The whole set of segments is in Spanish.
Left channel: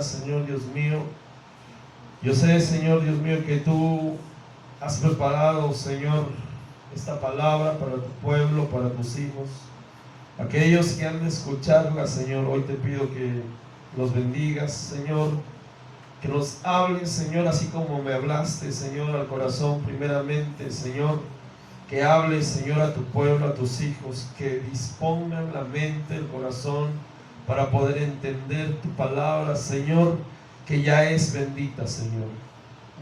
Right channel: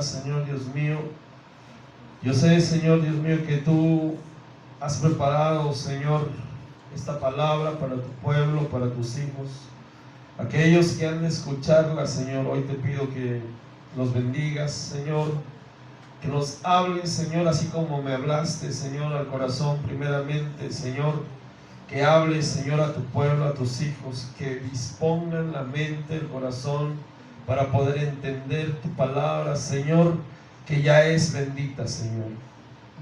palabra, Señor Dios mío. Yo sé, Señor Dios mío, que tú has preparado, Señor, esta palabra para tu pueblo, para tus hijos. Aquellos que han de escucharla, Señor, hoy te pido que los bendigas, Señor, que nos hables, Señor, así como me hablaste, Señor, al corazón primeramente, Señor, que hables, Señor, a tu pueblo, a tus hijos, que dispongan la mente, el corazón, para poder entender tu palabra, Señor, que ya es bendita, Señor,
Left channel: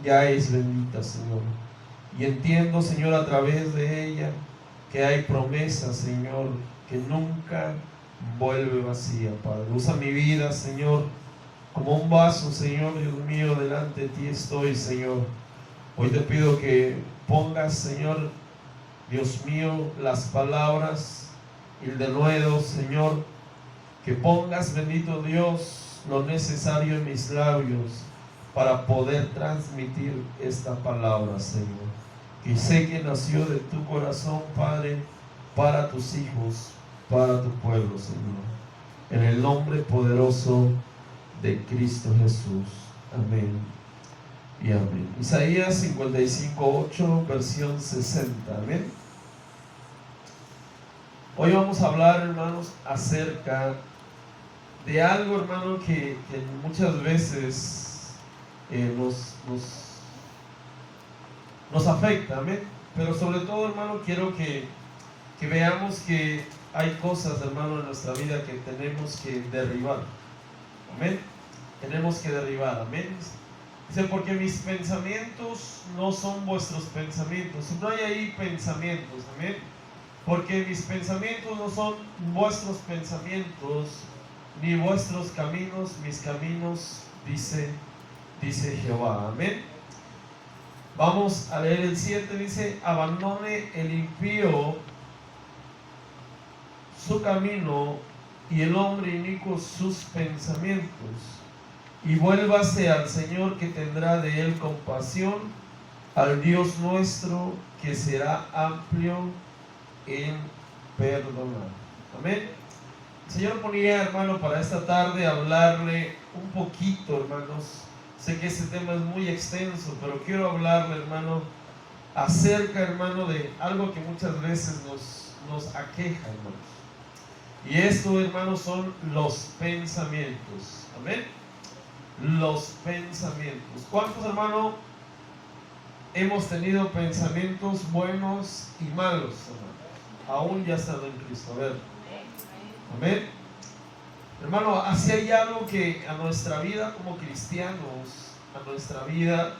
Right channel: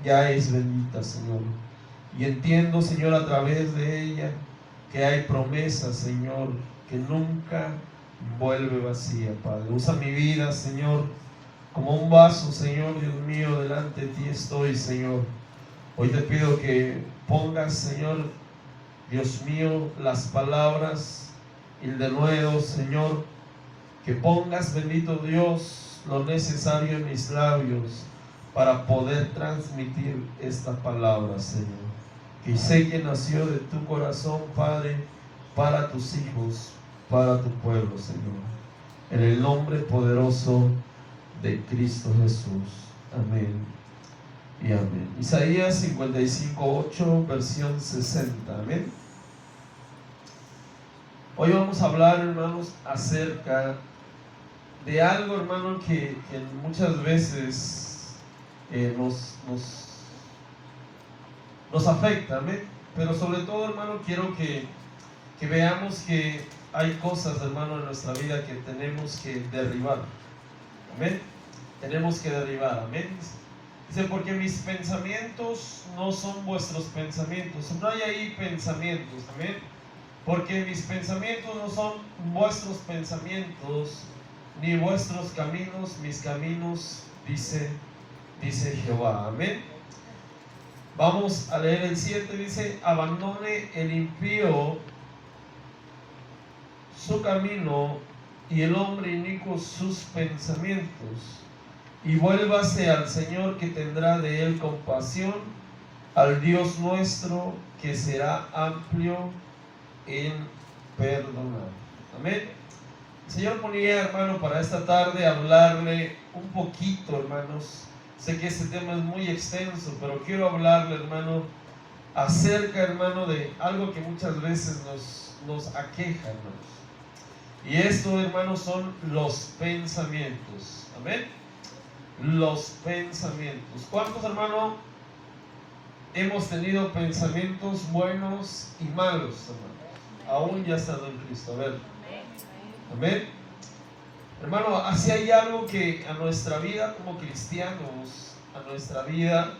ya es bendita, Señor. Y entiendo, Señor, a través de ella, que hay promesas, Señor, que nunca vuelve vacía, Padre. Usa mi vida, Señor, como un vaso, Señor, Dios mío, delante de ti estoy, Señor. Hoy te pido que pongas, Señor, Dios mío, las palabras y el denuedo, Señor, que pongas, bendito Dios, lo necesario en mis labios para poder transmitir esta palabra, Señor. Y sé que nació de tu corazón, Padre, para tus hijos, para tu pueblo, Señor. En el nombre poderoso de Cristo Jesús. Amén y amén. Isaías 55:8, versión 60. Amén. Hoy vamos a hablar, hermanos, acerca de algo, hermano, que muchas veces nos afecta, amén. Pero sobre todo, hermano, quiero que veamos que hay cosas, hermano, en nuestra vida que tenemos que derribar, amén. Tenemos que derribar, amén. Dice, porque mis pensamientos no son vuestros pensamientos. No hay ahí pensamientos, amén. Porque mis pensamientos no son vuestros pensamientos, ni vuestros caminos, mis caminos, dice Jehová, amén. Vamos a leer el 7, dice, abandone el impío su camino y el hombre inicuo sus pensamientos, y vuélvase al Señor, que tendrá de él compasión, al Dios nuestro, que será amplio en perdonar. Amén. El Señor ponía, hermano, para esta tarde hablarle un poquito, hermanos. Sé que este tema es muy extenso, pero quiero hablarle, hermano, acerca, hermano, de algo que muchas veces nos aqueja, hermanos. Y esto, hermanos, son los pensamientos. Amén. Los pensamientos. ¿Cuántos, hermano, hemos tenido pensamientos buenos y malos, hermano? Aún ya estando en Cristo. A ver. Amén. Hermano, así hay algo que a nuestra vida como cristianos, a nuestra vida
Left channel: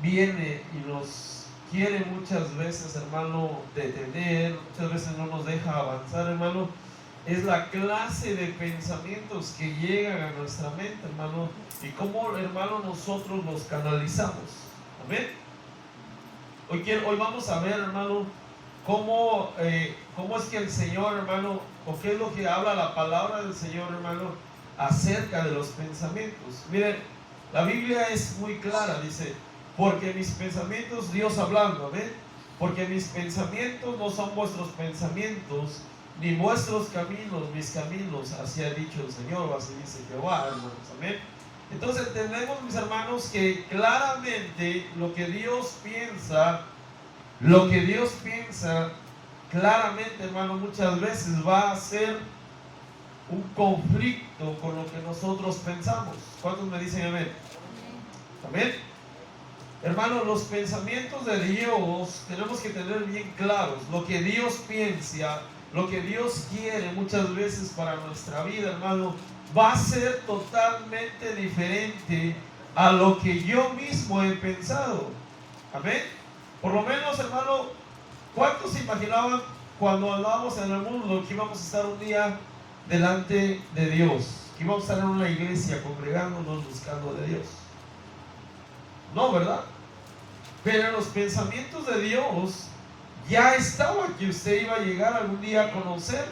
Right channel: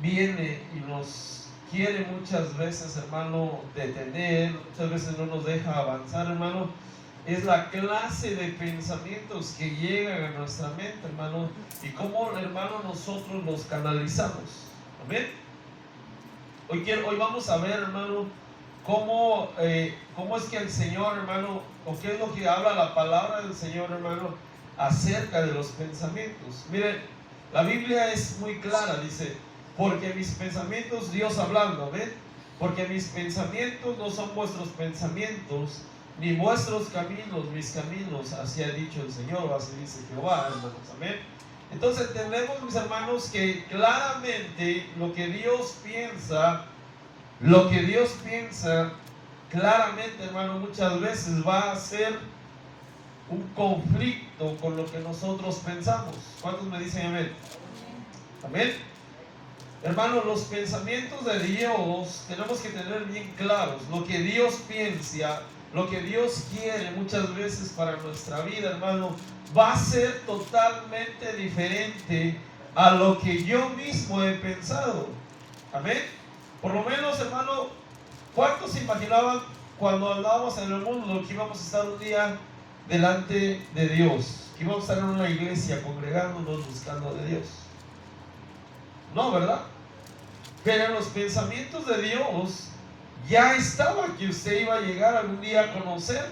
viene y nos quiere muchas veces, hermano, detener, muchas veces no nos deja avanzar, hermano. Es la clase de pensamientos que llegan a nuestra mente, hermano, y cómo, hermano, nosotros los canalizamos. Amén. Hoy vamos a ver, hermano, cómo es que el Señor, hermano, o qué es lo que habla la palabra del Señor, hermano, acerca de los pensamientos. Miren, la Biblia es muy clara, dice, porque mis pensamientos, Dios hablando, amén, porque mis pensamientos no son vuestros pensamientos, ni vuestros caminos, mis caminos, así ha dicho el Señor, así dice Jehová, hermanos, amén. Entonces entendemos, mis hermanos, que claramente lo que Dios piensa, claramente, hermano, muchas veces va a ser un conflicto con lo que nosotros pensamos. ¿Cuántos me dicen amén? Amén. Hermano, los pensamientos de Dios tenemos que tener bien claros. Lo que Dios piensa, lo que Dios quiere muchas veces para nuestra vida, hermano, va a ser totalmente diferente a lo que yo mismo he pensado. Amén. Por lo menos, hermano, ¿cuántos se imaginaban cuando andábamos en el mundo que íbamos a estar un día delante de Dios? Que íbamos a estar en una iglesia congregándonos buscando de Dios. No, ¿verdad? Pero en los pensamientos de Dios ya estaba que usted iba a llegar algún día a conocer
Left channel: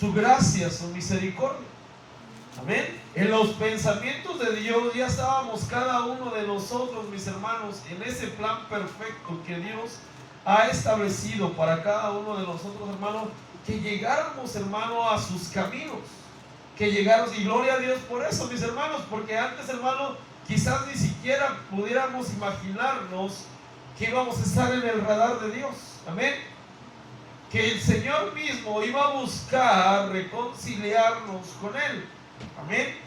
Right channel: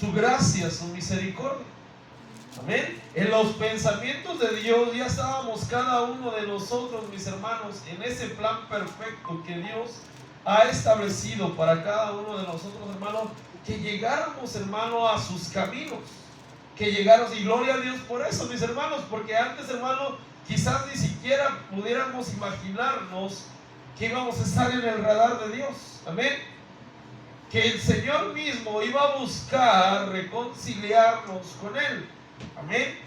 su gracia, su misericordia. Amén. En los pensamientos de Dios ya estábamos cada uno de nosotros, mis hermanos, en ese plan perfecto que Dios ha establecido para cada uno de nosotros, hermano, que llegáramos, hermano, a sus caminos. que llegaron, y gloria a Dios por eso, mis hermanos, porque antes, hermanos, quizás ni siquiera pudiéramos imaginarnos que íbamos a estar en el radar de Dios. Amén. Que el Señor mismo iba a buscar reconciliarnos con Él. Amén.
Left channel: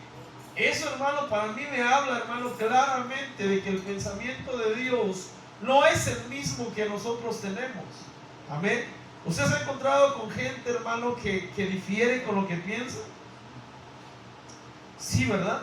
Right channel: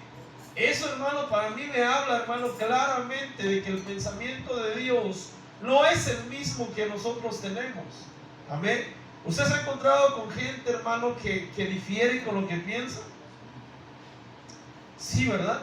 Eso, hermano, para mí me habla, hermano, claramente de que el pensamiento de Dios no es el mismo que nosotros tenemos. Amén. ¿Usted se ha encontrado con gente, hermano, que difiere con lo que piensa? Sí, ¿verdad?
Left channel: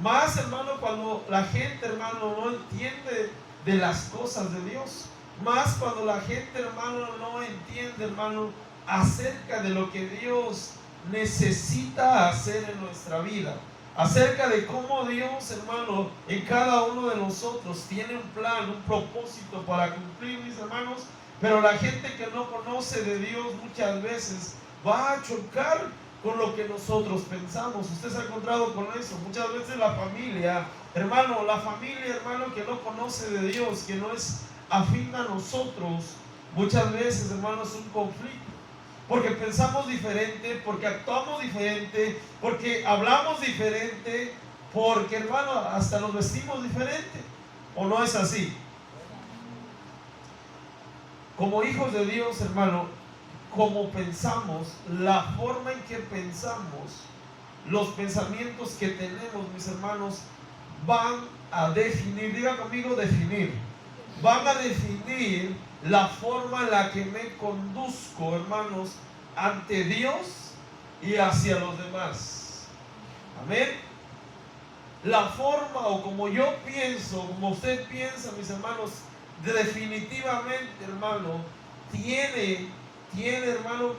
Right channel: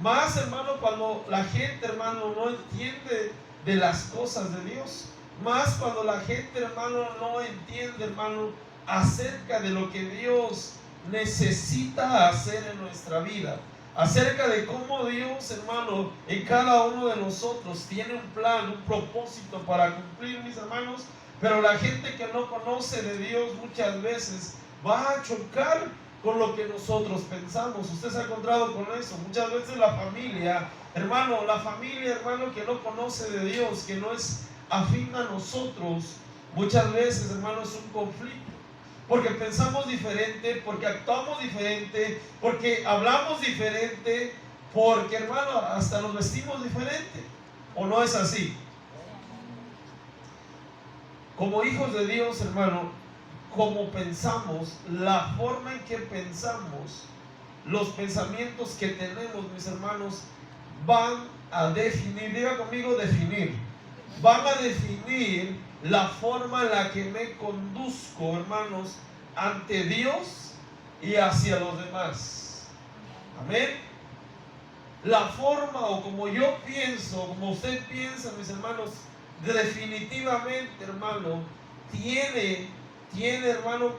Más, hermano, cuando la gente, hermano, no entiende de las cosas de Dios. Más cuando la gente, hermano, no entiende, hermano, acerca de lo que Dios necesita hacer en nuestra vida. Acerca de cómo Dios, hermano, en cada uno de nosotros tiene un plan, un propósito para cumplir, mis hermanos. Pero la gente que no conoce de Dios muchas veces va a chocar con lo que nosotros pensamos. Usted se ha encontrado con eso. Muchas veces la familia, hermano, que no conoce de Dios, que no es afín a nosotros, muchas veces, hermano, es un conflicto. Porque pensamos diferente, porque actuamos diferente, porque hablamos diferente, porque, hermano, hasta nos vestimos diferente. ¿O no es así? Como hijos de Dios, hermano, como pensamos, la forma en que pensamos, los pensamientos que tenemos, mis hermanos, van a definir, diga conmigo, definir, van a definir la forma en la que me conduzco, hermanos, ante Dios y hacia los demás. Amén. La forma, o como yo pienso, como usted piensa, mis hermanos, definitivamente, hermano, tiene, hermano,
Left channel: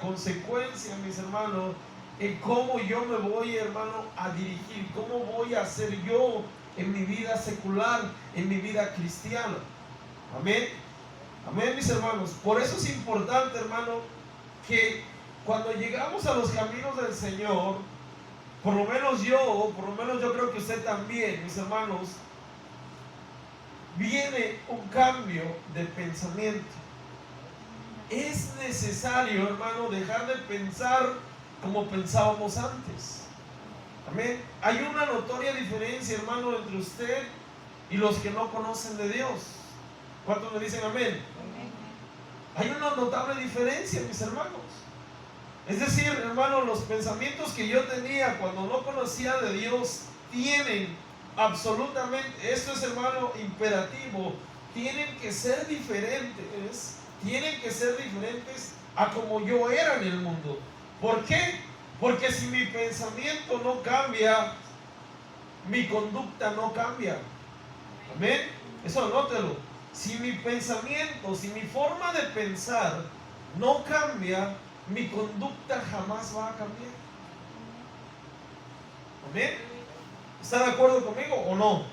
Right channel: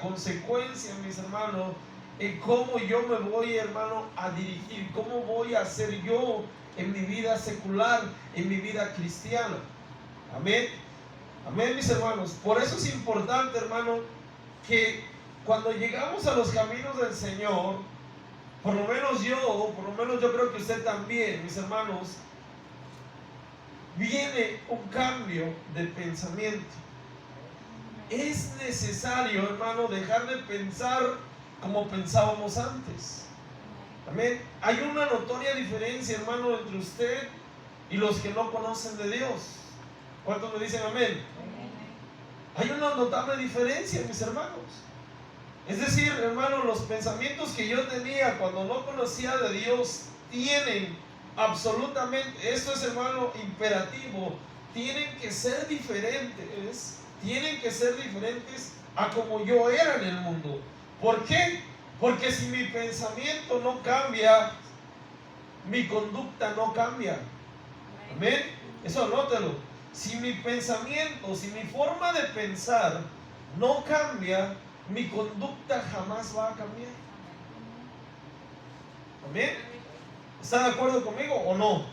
consecuencia, mis hermanos, en cómo yo me voy, hermano, a dirigir, cómo voy a ser yo en mi vida secular, en mi vida cristiana. Amén. Amén, mis hermanos. Por eso es importante, hermano, que cuando llegamos a los caminos del Señor, por lo menos yo creo que usted también, mis hermanos, viene un cambio de pensamiento. Es necesario, hermano, dejar de pensar como pensábamos antes. Amén. Hay una notoria diferencia, hermano, entre usted y los que no conocen de Dios. ¿Cuántos me dicen amén? Hay una notable diferencia, mis hermanos. Es decir, hermano, los pensamientos que yo tenía cuando no conocía de Dios tienen absolutamente, esto es, hermano, imperativo, tienen que ser diferentes a como yo era en el mundo. ¿Por qué? Porque si mi pensamiento no cambia, mi conducta no cambia. Amén. Eso anótelo. Si mi pensamiento, si mi forma de pensar no cambia, mi conducta jamás va a cambiar. Amén. ¿Está de acuerdo conmigo o no?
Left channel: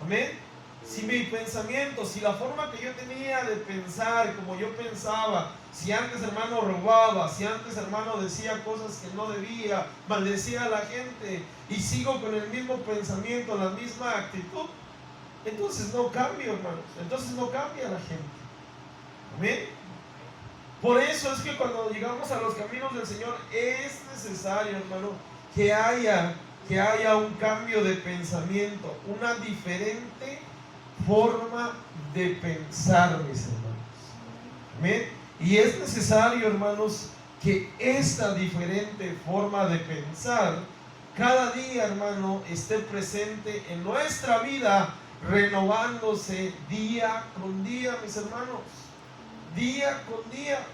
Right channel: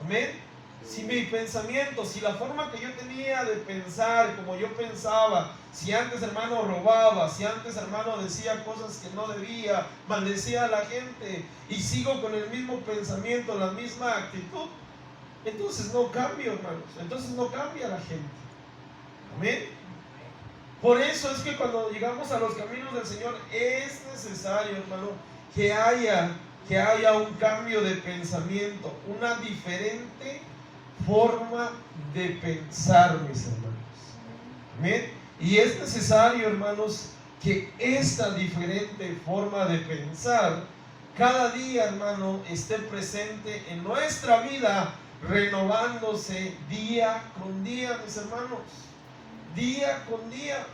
Amén. Si mi pensamiento, si la forma que yo tenía de pensar, como yo pensaba, si antes, hermano, robaba, si antes, hermano, decía cosas que no debía, maldecía a la gente, y sigo con el mismo pensamiento, la misma actitud, entonces no cambio, hermanos. Entonces no cambia la gente. Amén. Por eso es que cuando llegamos a los caminos del Señor es necesario, hermano, que haya un cambio de pensamiento, una diferente forma de pensar, mis hermanos. Amén. Y es necesario, hermanos, que esta diferente forma de pensar cada día, hermano, esté presente en nuestra vida, renovándose día con día, mis hermanos. Día con día.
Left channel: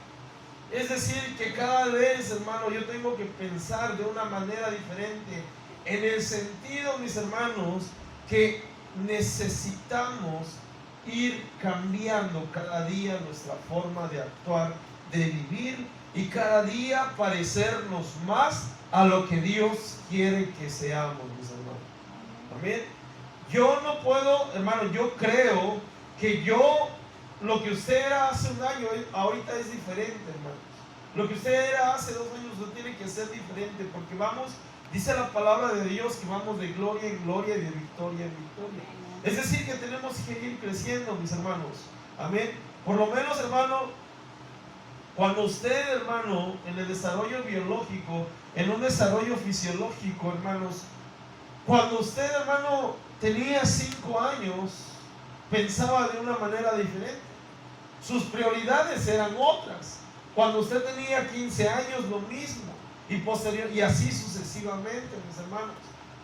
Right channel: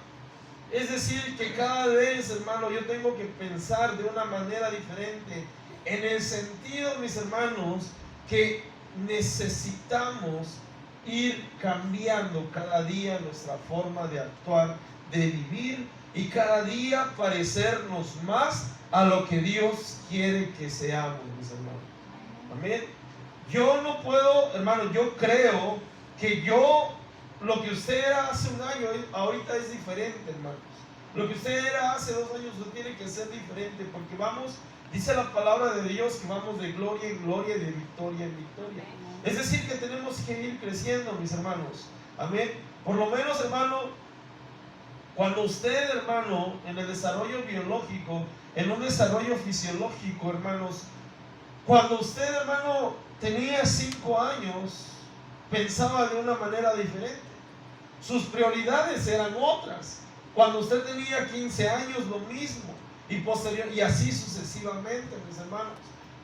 Es decir, que cada vez, hermano, yo tengo que pensar de una manera diferente, en el sentido, mis hermanos, que necesitamos ir cambiando cada día nuestra forma de actuar, de vivir, y cada día parecernos más a lo que Dios quiere que seamos, mis hermanos. Amén. Yo no puedo, hermano, yo creo que lo que usted era hace un año, ahorita es diferente, hermanos. Lo que usted era hace 2 años no tiene que ser diferente, porque vamos, dice la palabra de Dios, que vamos de gloria en gloria y de victoria en victoria. Es decir, que tenemos que ir creciendo, mis hermanos. Amén. Por lo menos, hermano, Cuando usted, hermano, en el desarrollo biológico, en un desarrollo fisiológico, hermanos, cuando usted, hermano, tenía 5 años, pensaba de una manera diferente. Sus prioridades eran otras. Cuando usted tenía 15 años, lo mismo. Y así sucesivamente, mis hermanos.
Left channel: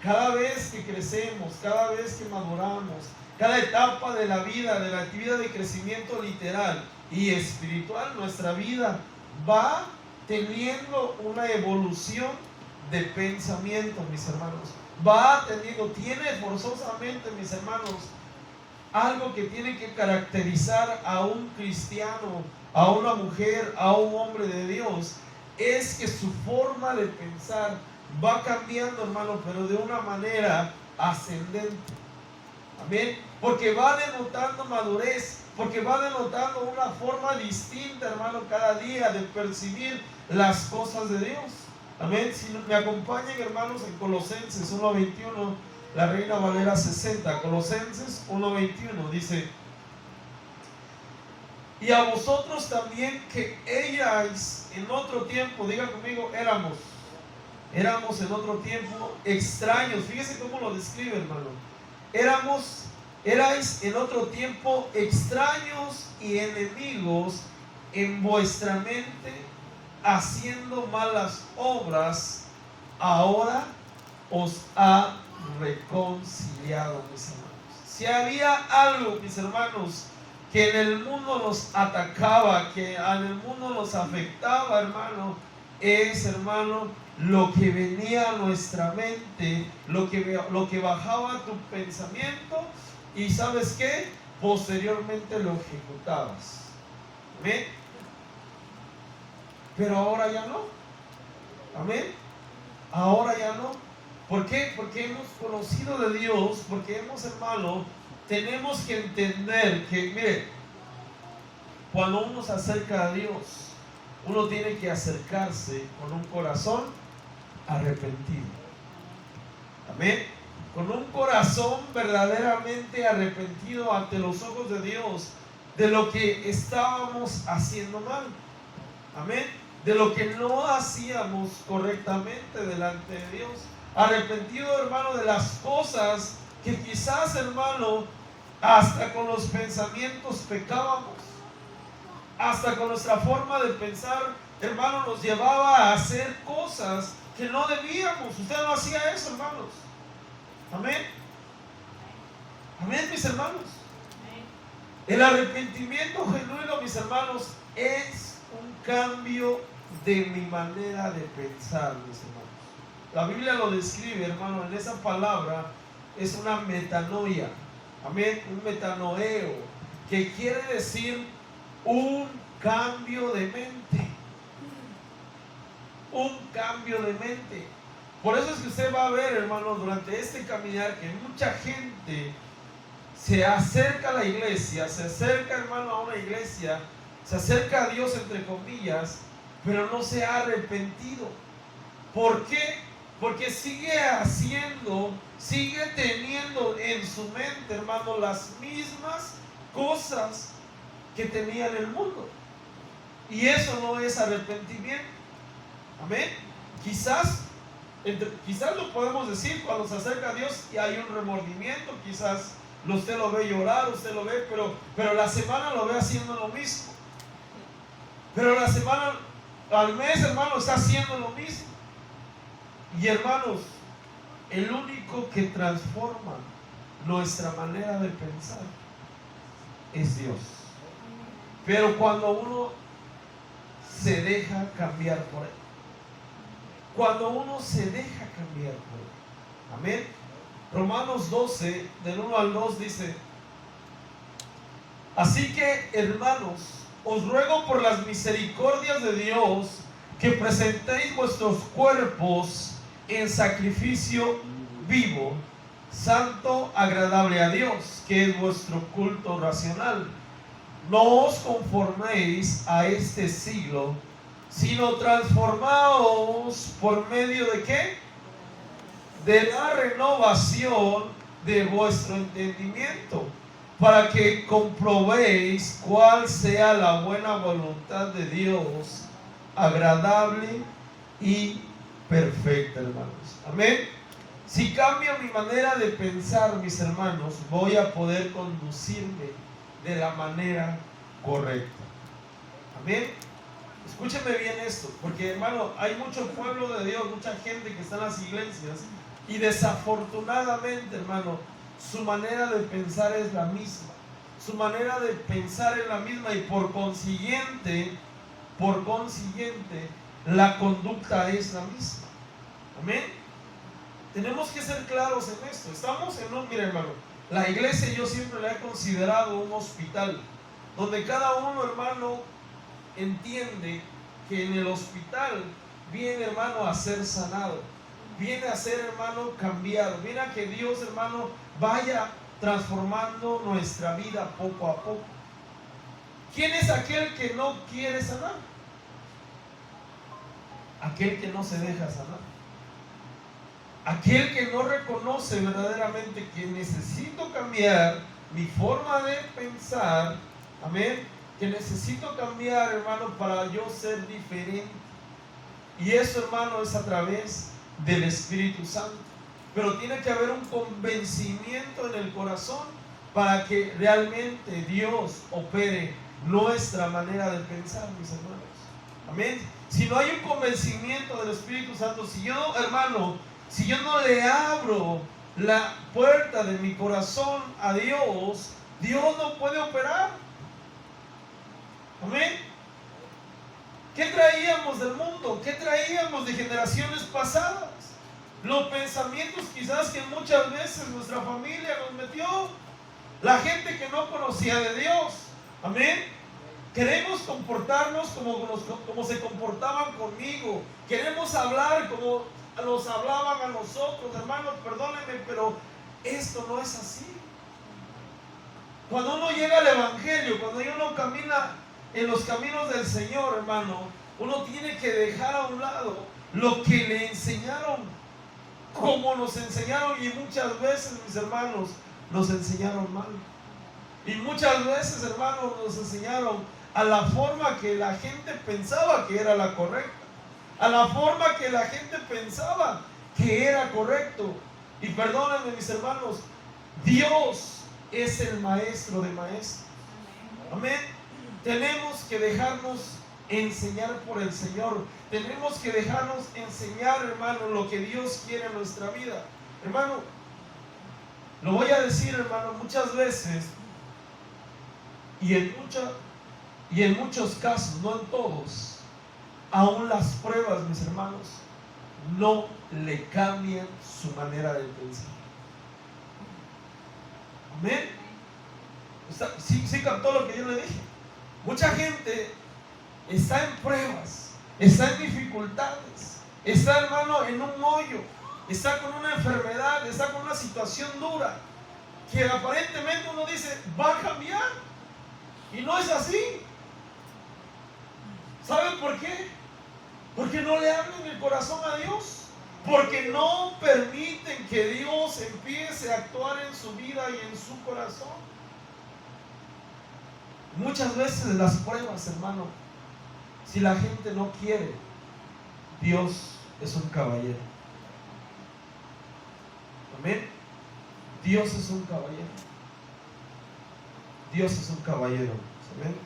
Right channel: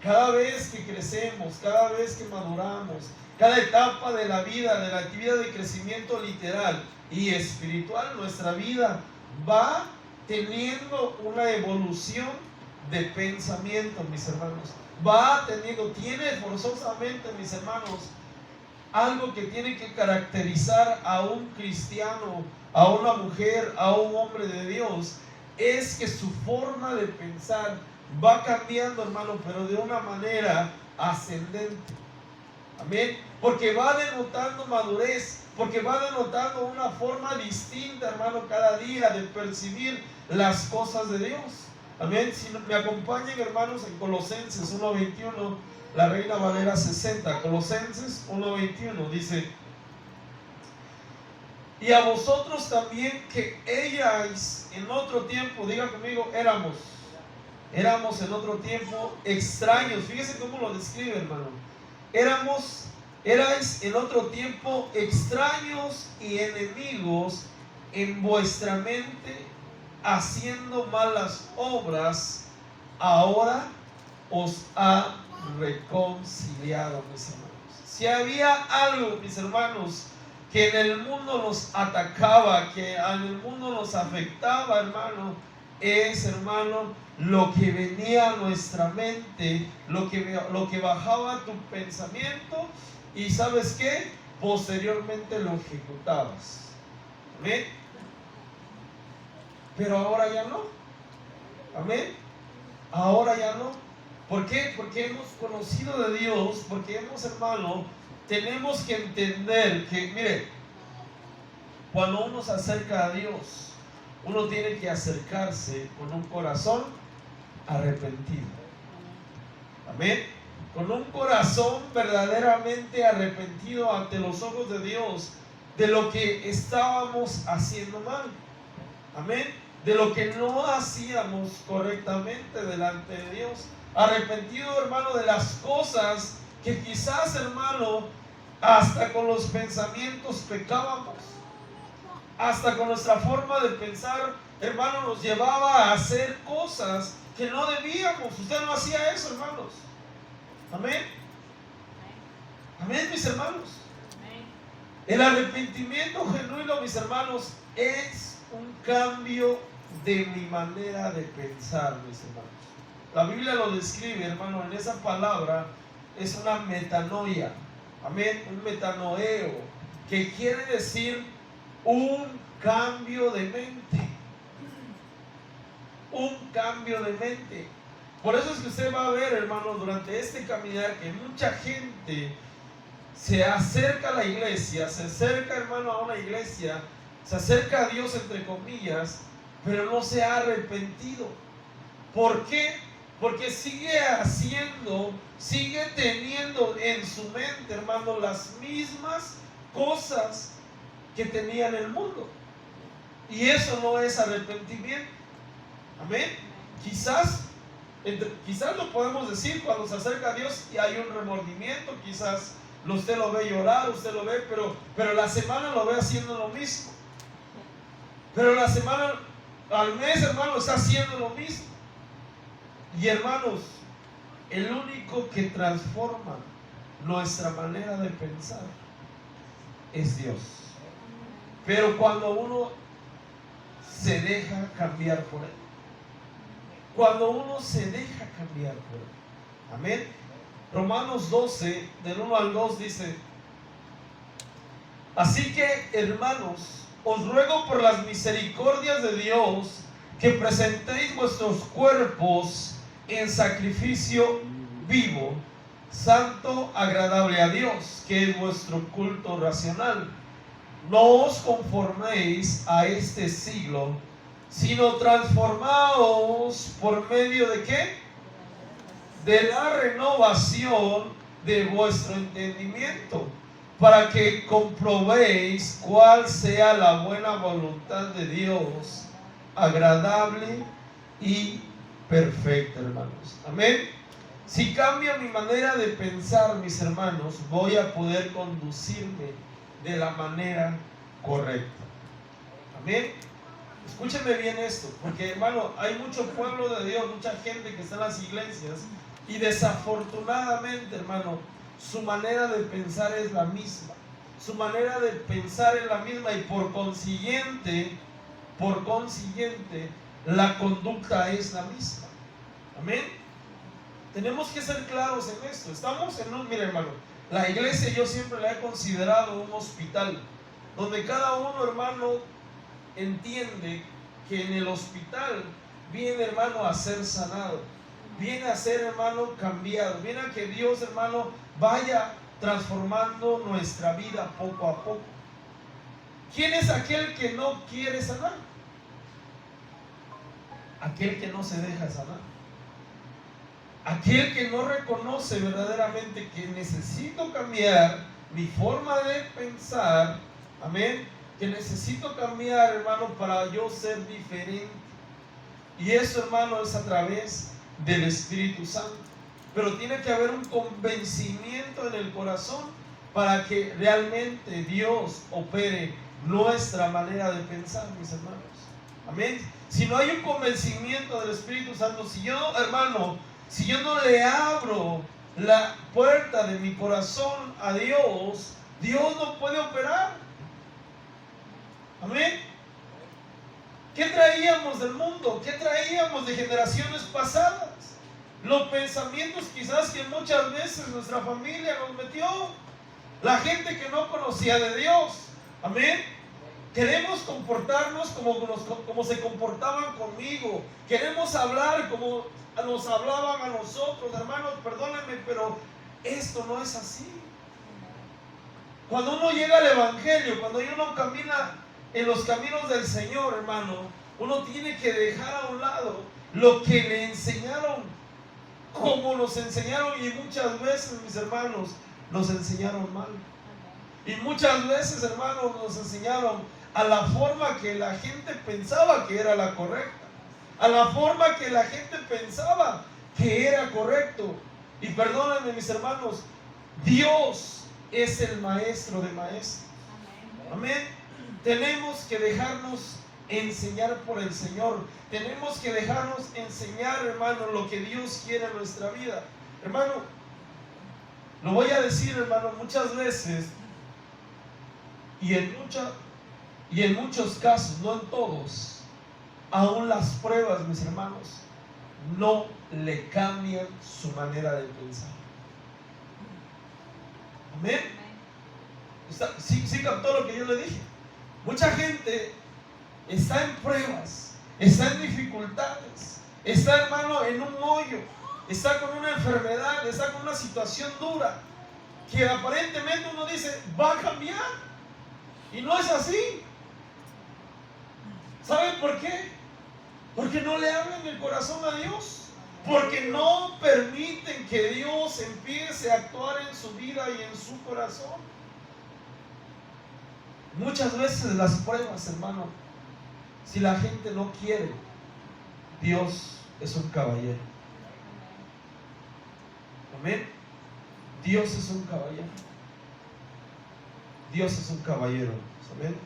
Cada vez que crecemos, cada vez que maduramos, cada etapa de la vida de crecimiento literal y espiritual, nuestra vida va teniendo una evolución de pensamiento, mis hermanos. Tiene forzosamente, mis hermanos, algo que tiene que caracterizar a un cristiano, a una mujer, a un hombre de Dios, es que su forma de pensar va cambiando, hermano, pero de una manera ascendente. Amén. Porque va denotando madurez, porque va denotando una forma distinta, hermano, cada día de percibir las cosas de Dios. Amén. Si me acompañan, hermanos, en Colosenses 1:21, la Reina Valera 60, Colosenses 1:21 dice: y a vosotros también que erais en otro tiempo, diga conmigo, éramos en otro tiempo extraños. Fíjese cómo lo describe, hermano. Erais en otro tiempo extraños y enemigos en vuestra mente, haciendo malas obras. Ahora os ha reconciliado, mis hermanos. Si había algo, mis hermanos, que en el mundo nos atacaba, que en el mundo nos afectaba, hermano, es, hermano, lo que venía a nuestra mente, lo que bajaba a tu pensamiento, y ¿sabes qué? Posteriormente lo ejecutabas. ¿Amén? Pero ahora ya no. ¿Amén? Ahora ya no. ¿Por qué? Porque hemos conocido de Dios, porque hemos, hermano, tenemos que entender que, mire, cuando uno se acerca a Dios, uno tiene que acercarse con un corazón arrepentido. Amén. Con un corazón verdaderamente arrepentido ante los ojos de Dios de lo que estábamos haciendo mal. Amén. De lo que no hacíamos correctamente delante de Dios. Arrepentido, hermano, de las cosas que quizás, hermano, hasta con los pensamientos pecábamos. Hasta con nuestra forma de pensar, hermano, nos llevaba a hacer cosas que no debíamos. Usted no hacía eso, hermanos. Amén. Amén, mis hermanos. El arrepentimiento genuino, mis hermanos, es un cambio de mi manera de pensar, mis hermanos. La Biblia lo describe, hermano, en esa palabra es una metanoia. Amén, un metanoeo, que quiere decir un cambio de mente. Un cambio de mente. Por eso es que usted va a ver, hermano, durante este caminar, que mucha gente se acerca a la iglesia, se acerca, hermano, a una iglesia, se acerca a Dios, entre comillas, pero no se ha arrepentido. ¿Por qué? Porque sigue teniendo en su mente, hermano, las mismas cosas que tenía en el mundo. Y eso no es arrepentimiento. Amén. Quizás lo podemos decir cuando se acerca a Dios y hay un remordimiento. Quizás usted lo ve llorar, usted lo ve, pero la semana lo ve haciendo lo mismo. Pero la semana, al mes, hermano, está haciendo lo mismo. Y, hermanos, el único que transforma nuestra manera de pensar es Dios. Pero cuando uno se deja cambiar por Él. Cuando uno se deja cambiar por Él. Amén. Romanos 12, del 1 al 2 dice: así que, hermanos, os ruego por las misericordias de Dios que presentéis vuestros cuerpos en sacrificio vivo, santo, agradable a Dios, que es vuestro culto racional. No os conforméis a este siglo, sino transformaos por medio de ¿qué? De la renovación de vuestro entendimiento, para que comprobéis cuál sea la buena voluntad de Dios, agradable y perfecta, hermanos. Amén. Si cambio mi manera de pensar, mis hermanos, voy a poder conducirme de la manera correcta. Amén. Escúcheme bien esto, porque hermano, hay mucho pueblo de Dios, mucha gente que está en las iglesias y desafortunadamente, hermano, su manera de pensar es la misma. Su manera de pensar es la misma y por consiguiente, la conducta es la misma. Amén. Tenemos que ser claros en esto. Estamos en un, mire hermano, la iglesia yo siempre la he considerado un hospital, donde cada uno, hermano, entiende que en el hospital viene, hermano, a ser sanado, viene a ser, hermano, cambiado, viene a que Dios, hermano, vaya transformando nuestra vida poco a poco. ¿Quién es aquel que no quiere sanar? Aquel que no se deja sanar, aquel que no reconoce verdaderamente que necesito cambiar mi forma de pensar. Amén. Que necesito cambiar, hermano, para yo ser diferente. Y eso, hermano, es a través del Espíritu Santo. Pero tiene que haber un convencimiento en el corazón para que realmente Dios opere nuestra manera de pensar, mis hermanos. Amén. Si no hay un convencimiento del Espíritu Santo, si yo, hermano, si yo no le abro la puerta de mi corazón a Dios, Dios no puede operar. Amén. ¿Qué traíamos del mundo? ¿Qué traíamos de generaciones pasadas? Los pensamientos quizás que muchas veces nuestra familia nos metió. La gente que no conocía de Dios. Amén. Queremos comportarnos como se comportaban conmigo. Queremos hablar como nos hablaban a nosotros. Hermanos, perdónenme, pero esto no es así. Cuando uno llega al Evangelio, cuando uno camina en los caminos del Señor, hermano, uno tiene que dejar a un lado lo que le enseñaron, como nos enseñaron, y muchas veces, mis hermanos, nos enseñaron mal. Y muchas veces, hermanos, nos enseñaron a la forma que la gente pensaba que era la correcta, a la forma que la gente pensaba que era correcto. Y perdónenme, mis hermanos, Dios es el maestro de maestros. Amén. Tenemos que dejarnos enseñar por el Señor. Tenemos que dejarnos enseñar, hermano, lo que Dios quiere en nuestra vida. Hermano, lo voy a decir, hermano, muchas veces y en muchos casos, no en todos, aún las pruebas, mis hermanos, no le cambian su manera de pensar. Amén. ¿Sí captó lo que yo le dije? Mucha gente está en pruebas, está en dificultades, está, hermano, en un hoyo, está con una enfermedad, está con una situación dura, que aparentemente uno dice, va a cambiar, y no es así. ¿Saben por qué? Porque no le abren el corazón a Dios, porque no permiten que Dios empiece a actuar en su vida y en su corazón. Muchas veces las pruebas, hermano, si la gente no quiere, Dios es un caballero. Amén. Dios es un caballero. Dios es un caballero. ¿Saben?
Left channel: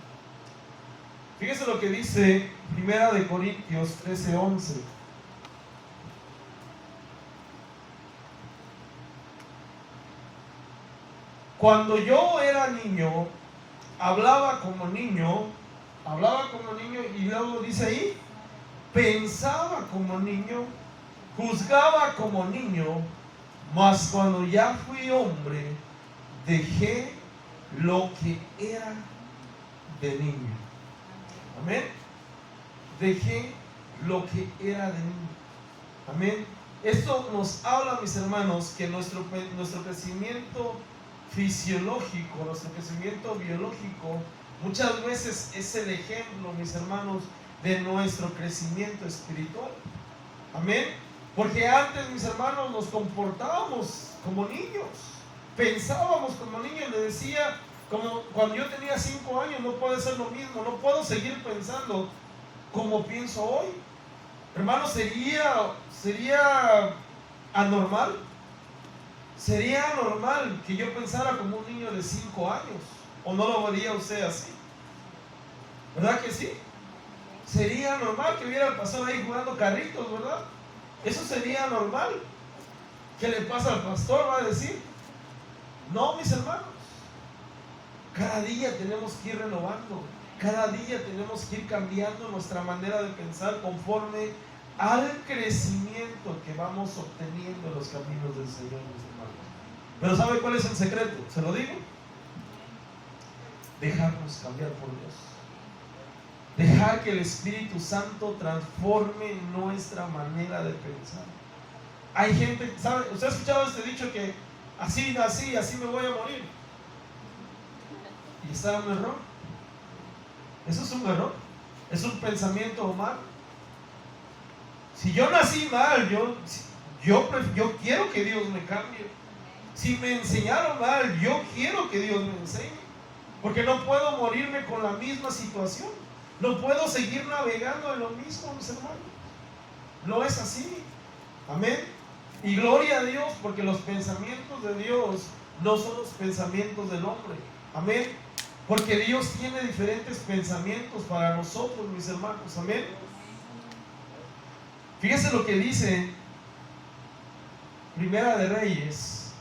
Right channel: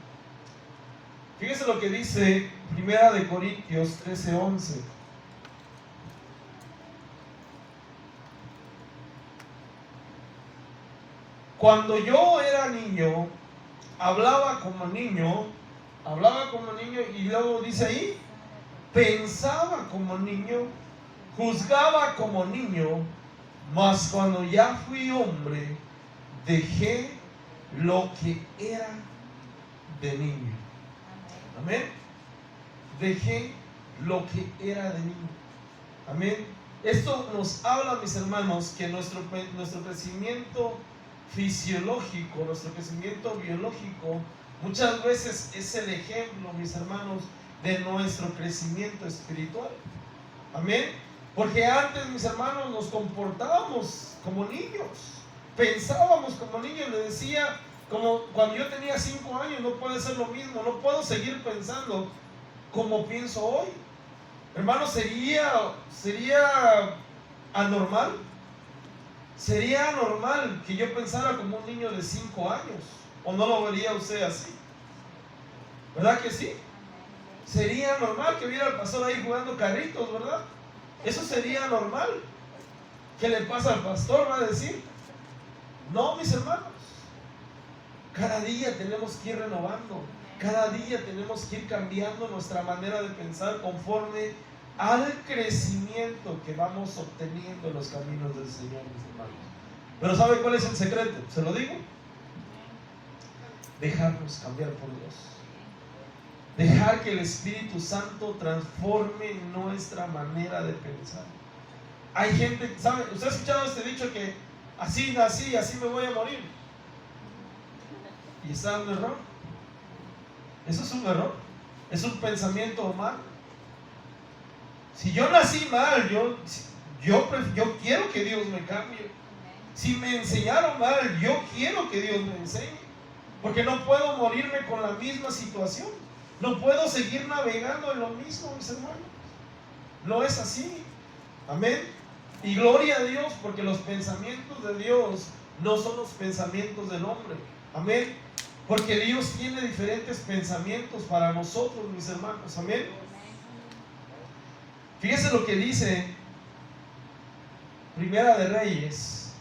Fíjese lo que dice 1 Corintios 13:11. Cuando yo era niño, hablaba como niño, y luego dice ahí, pensaba como niño, juzgaba como niño, mas cuando ya fui hombre, dejé lo que era de niño. Amén. Dejé lo que era de niño. Amén. Esto nos habla, mis hermanos, que nuestro crecimiento fisiológico, nuestro crecimiento biológico, muchas veces es el ejemplo, mis hermanos, de nuestro crecimiento espiritual. Amén. Porque antes, mis hermanos, nos comportábamos como niños. pensábamos como niños, le decía, como cuando yo tenía 5 años, no puede ser lo mismo, no puedo seguir pensando como pienso hoy. Hermano, sería anormal. Sería anormal que yo pensara como un niño de 5 años. ¿O no lo vería usted así? ¿Verdad que sí? Sería normal que hubiera el pastor ahí jugando carritos, ¿verdad? Eso sería normal. ¿Qué le pasa al pastor? Va a decir. No, mis hermanos. Cada día tenemos que ir renovando. Cada día tenemos que ir cambiando nuestra manera de pensar conforme al crecimiento que vamos obteniendo en los caminos del Señor, mis hermanos. Pero ¿sabe cuál es el secreto? ¿Se lo digo? Dejarnos cambiar por Dios. Dejar que el Espíritu Santo transforme nuestra manera de pensar. Hay gente, ¿sabe? ¿Usted ha escuchado este dicho que así nací, así me voy a morir? Y está un error. Eso es un error. Es un pensamiento humano. Si yo nací mal, yo quiero que Dios me cambie. Si me enseñaron mal, yo quiero que Dios me enseñe. Porque no puedo morirme con la misma situación. No puedo seguir navegando en lo mismo, mis hermanos. No es así. Amén. Y gloria a Dios, porque los pensamientos de Dios no son los pensamientos del hombre. Amén. Porque Dios tiene diferentes pensamientos para nosotros, mis hermanos. Amén. Fíjense lo que dice Primera de Reyes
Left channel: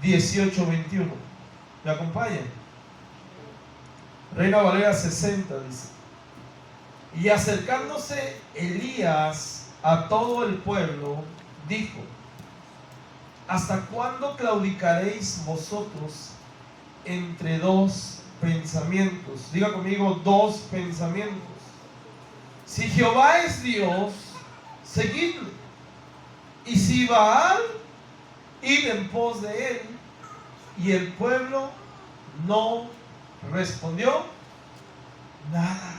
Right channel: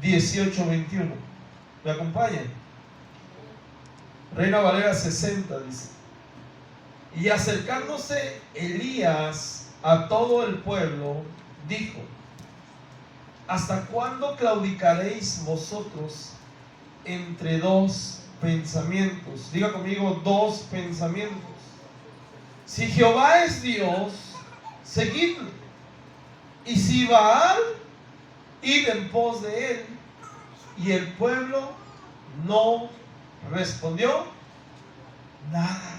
18:21. ¿Me acompañan? Reina Valera 60 dice: y acercándose Elías a todo el pueblo, dijo: ¿hasta cuándo claudicaréis vosotros entre dos pensamientos? Diga conmigo, dos pensamientos. Si Jehová es Dios, seguidle. Y si Baal, id en pos de él. Y el pueblo no respondió nada.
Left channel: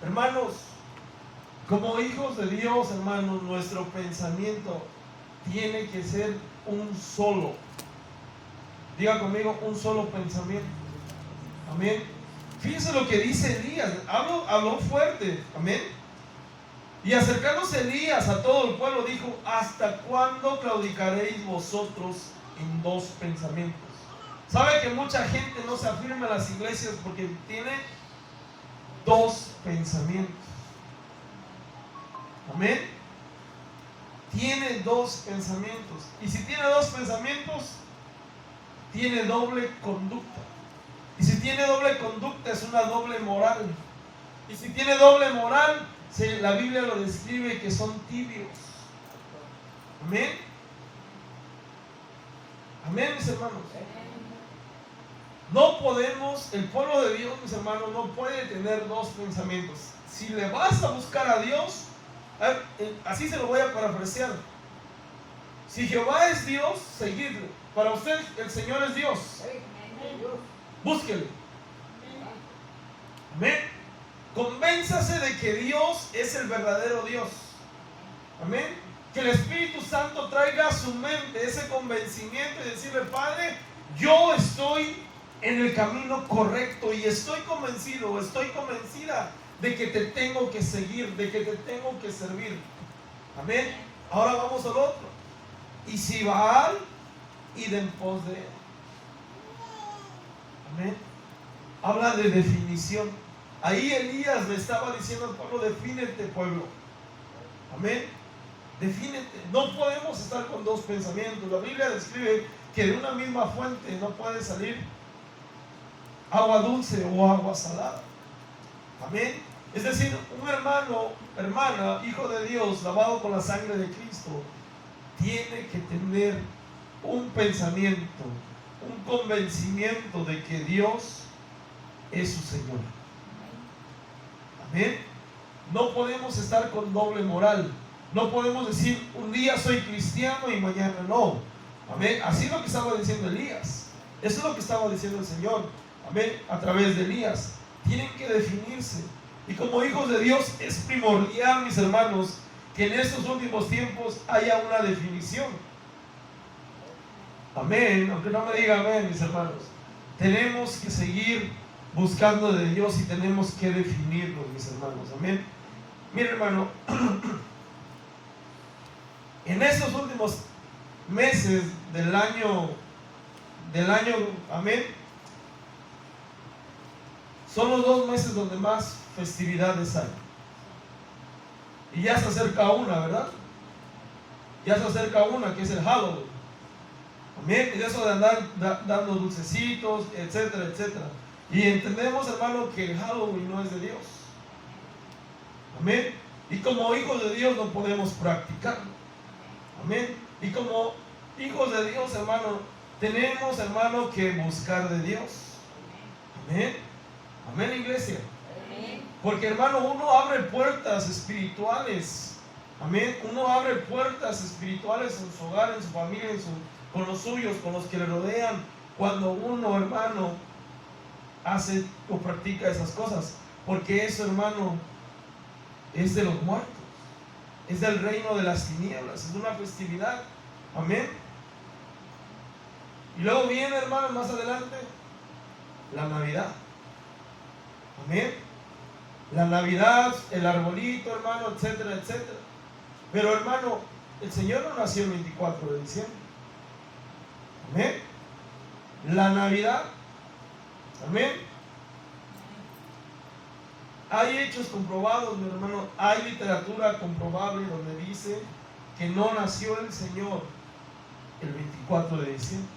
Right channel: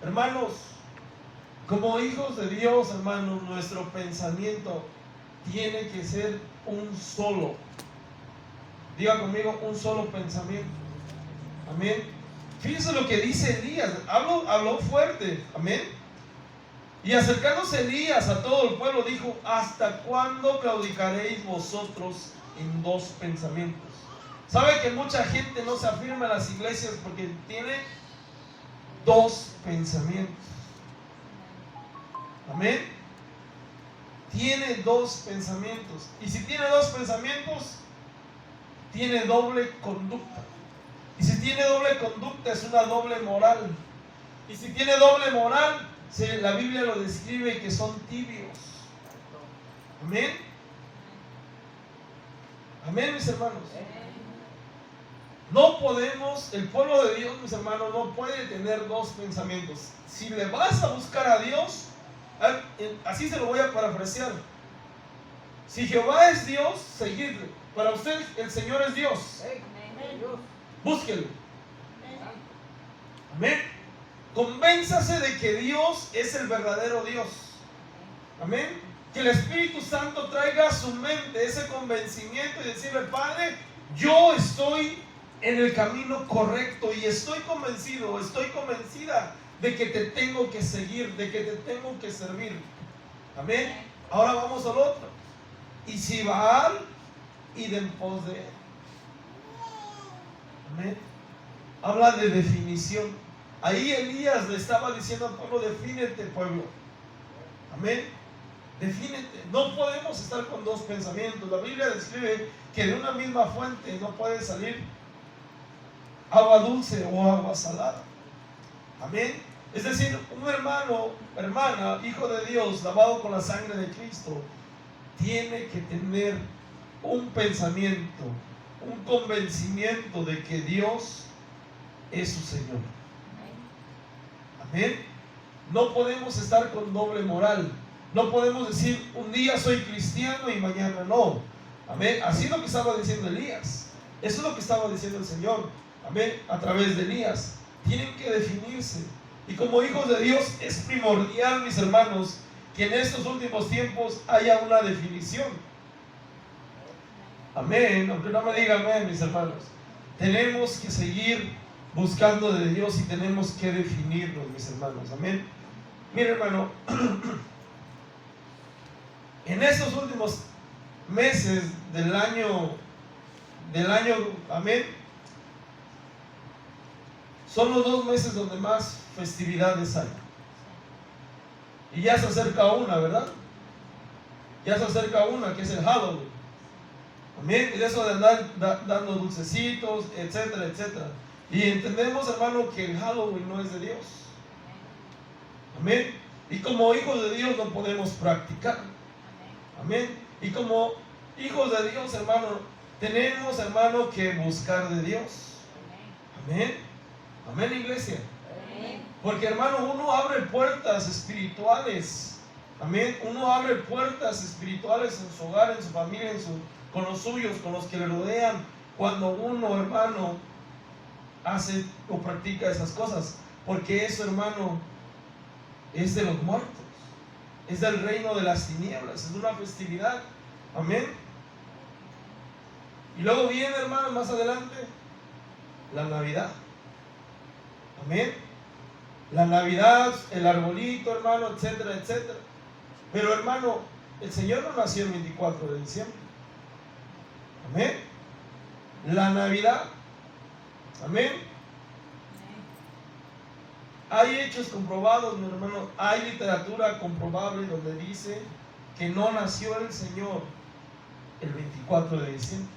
Hermanos, como hijos de Dios, hermanos, nuestro pensamiento tiene que ser un solo. Diga conmigo, un solo pensamiento. Amén. Fíjense lo que dice Elías. Habló fuerte. Amén. Y acercándose Elías a todo el pueblo, dijo: ¿hasta cuándo claudicaréis vosotros en dos pensamientos? ¿Sabe que mucha gente no se afirma en las iglesias porque tiene dos pensamientos? Amén. Tiene dos pensamientos. Y si tiene dos pensamientos, tiene doble conducta. Y si tiene doble conducta, es una doble moral. Y si tiene doble moral, la Biblia lo describe que son tibios. Amén. Amén, mis hermanos. No podemos, el pueblo de Dios, mis hermanos, no puede tener dos pensamientos. Si le vas a buscar a Dios, así se lo voy a parafrasear: si Jehová es Dios, seguidle. Para usted el Señor es Dios. Búsquelo. Amén. Convénzase de que Dios es el verdadero Dios. Amén. Que el Espíritu Santo traiga a su mente ese convencimiento y decirle: Padre, yo estoy en el camino correcto y estoy convencido, estoy convencida de que te tengo que seguir, de que te tengo que servir. Amén. Ahora vamos al otro. Y si Baal, id en pos de él. Amén. Habla de definición. Ahí Elías le estaba diciendo al pueblo: defínete, pueblo. Amén. Defínete. No podemos estar con dos pensamientos. La Biblia describe que de una misma fuente no puede salir agua dulce o agua salada. Amén. Es decir, un hermano, hermana, hijo de Dios, lavado con la sangre de Cristo, tiene que tener un pensamiento, un convencimiento de que Dios es su Señor. Amén. No podemos estar con doble moral. No podemos decir: un día soy cristiano y mañana no. Amén. Así es lo que estaba diciendo Elías. Eso es lo que estaba diciendo el Señor. Amén. A través de Elías. Tienen que definirse. Y como hijos de Dios es primordial, mis hermanos, que en estos últimos tiempos haya una definición. Amén, aunque no me diga amén, mis hermanos. Tenemos que seguir buscando de Dios y tenemos que definirlo, mis hermanos. Amén. Mira, hermano, en estos últimos meses del año, amén, son los 2 meses donde más festividades hay. Y ya se acerca una, ¿verdad? Ya se acerca una, que es el Halloween. Amén. Y de eso de andar dando dulcecitos, etcétera, etcétera. Y entendemos, hermano, que el Halloween no es de Dios. Amén. Y como hijos de Dios no podemos practicar. Amén. Y como hijos de Dios, hermano, tenemos, hermano, que buscar de Dios. Amén. Amén, iglesia. Amén. Porque, hermano, uno abre puertas espirituales. Amén. Uno abre puertas espirituales en su hogar, en su familia, con los suyos, con los que le rodean. Cuando uno, hermano, hace o practica esas cosas. Porque eso, hermano, es de los muertos. Es del reino de las tinieblas. Es una festividad. Amén. Y luego viene, hermano, más adelante, la Navidad. Amén. La Navidad, el arbolito, hermano, etcétera, etcétera. Pero, hermano, el Señor no nació el 24 de diciembre. Amén. La Navidad. Amén. Hay hechos comprobados, mi hermano. Hay literatura comprobable donde dice que no nació el Señor el 24 de diciembre.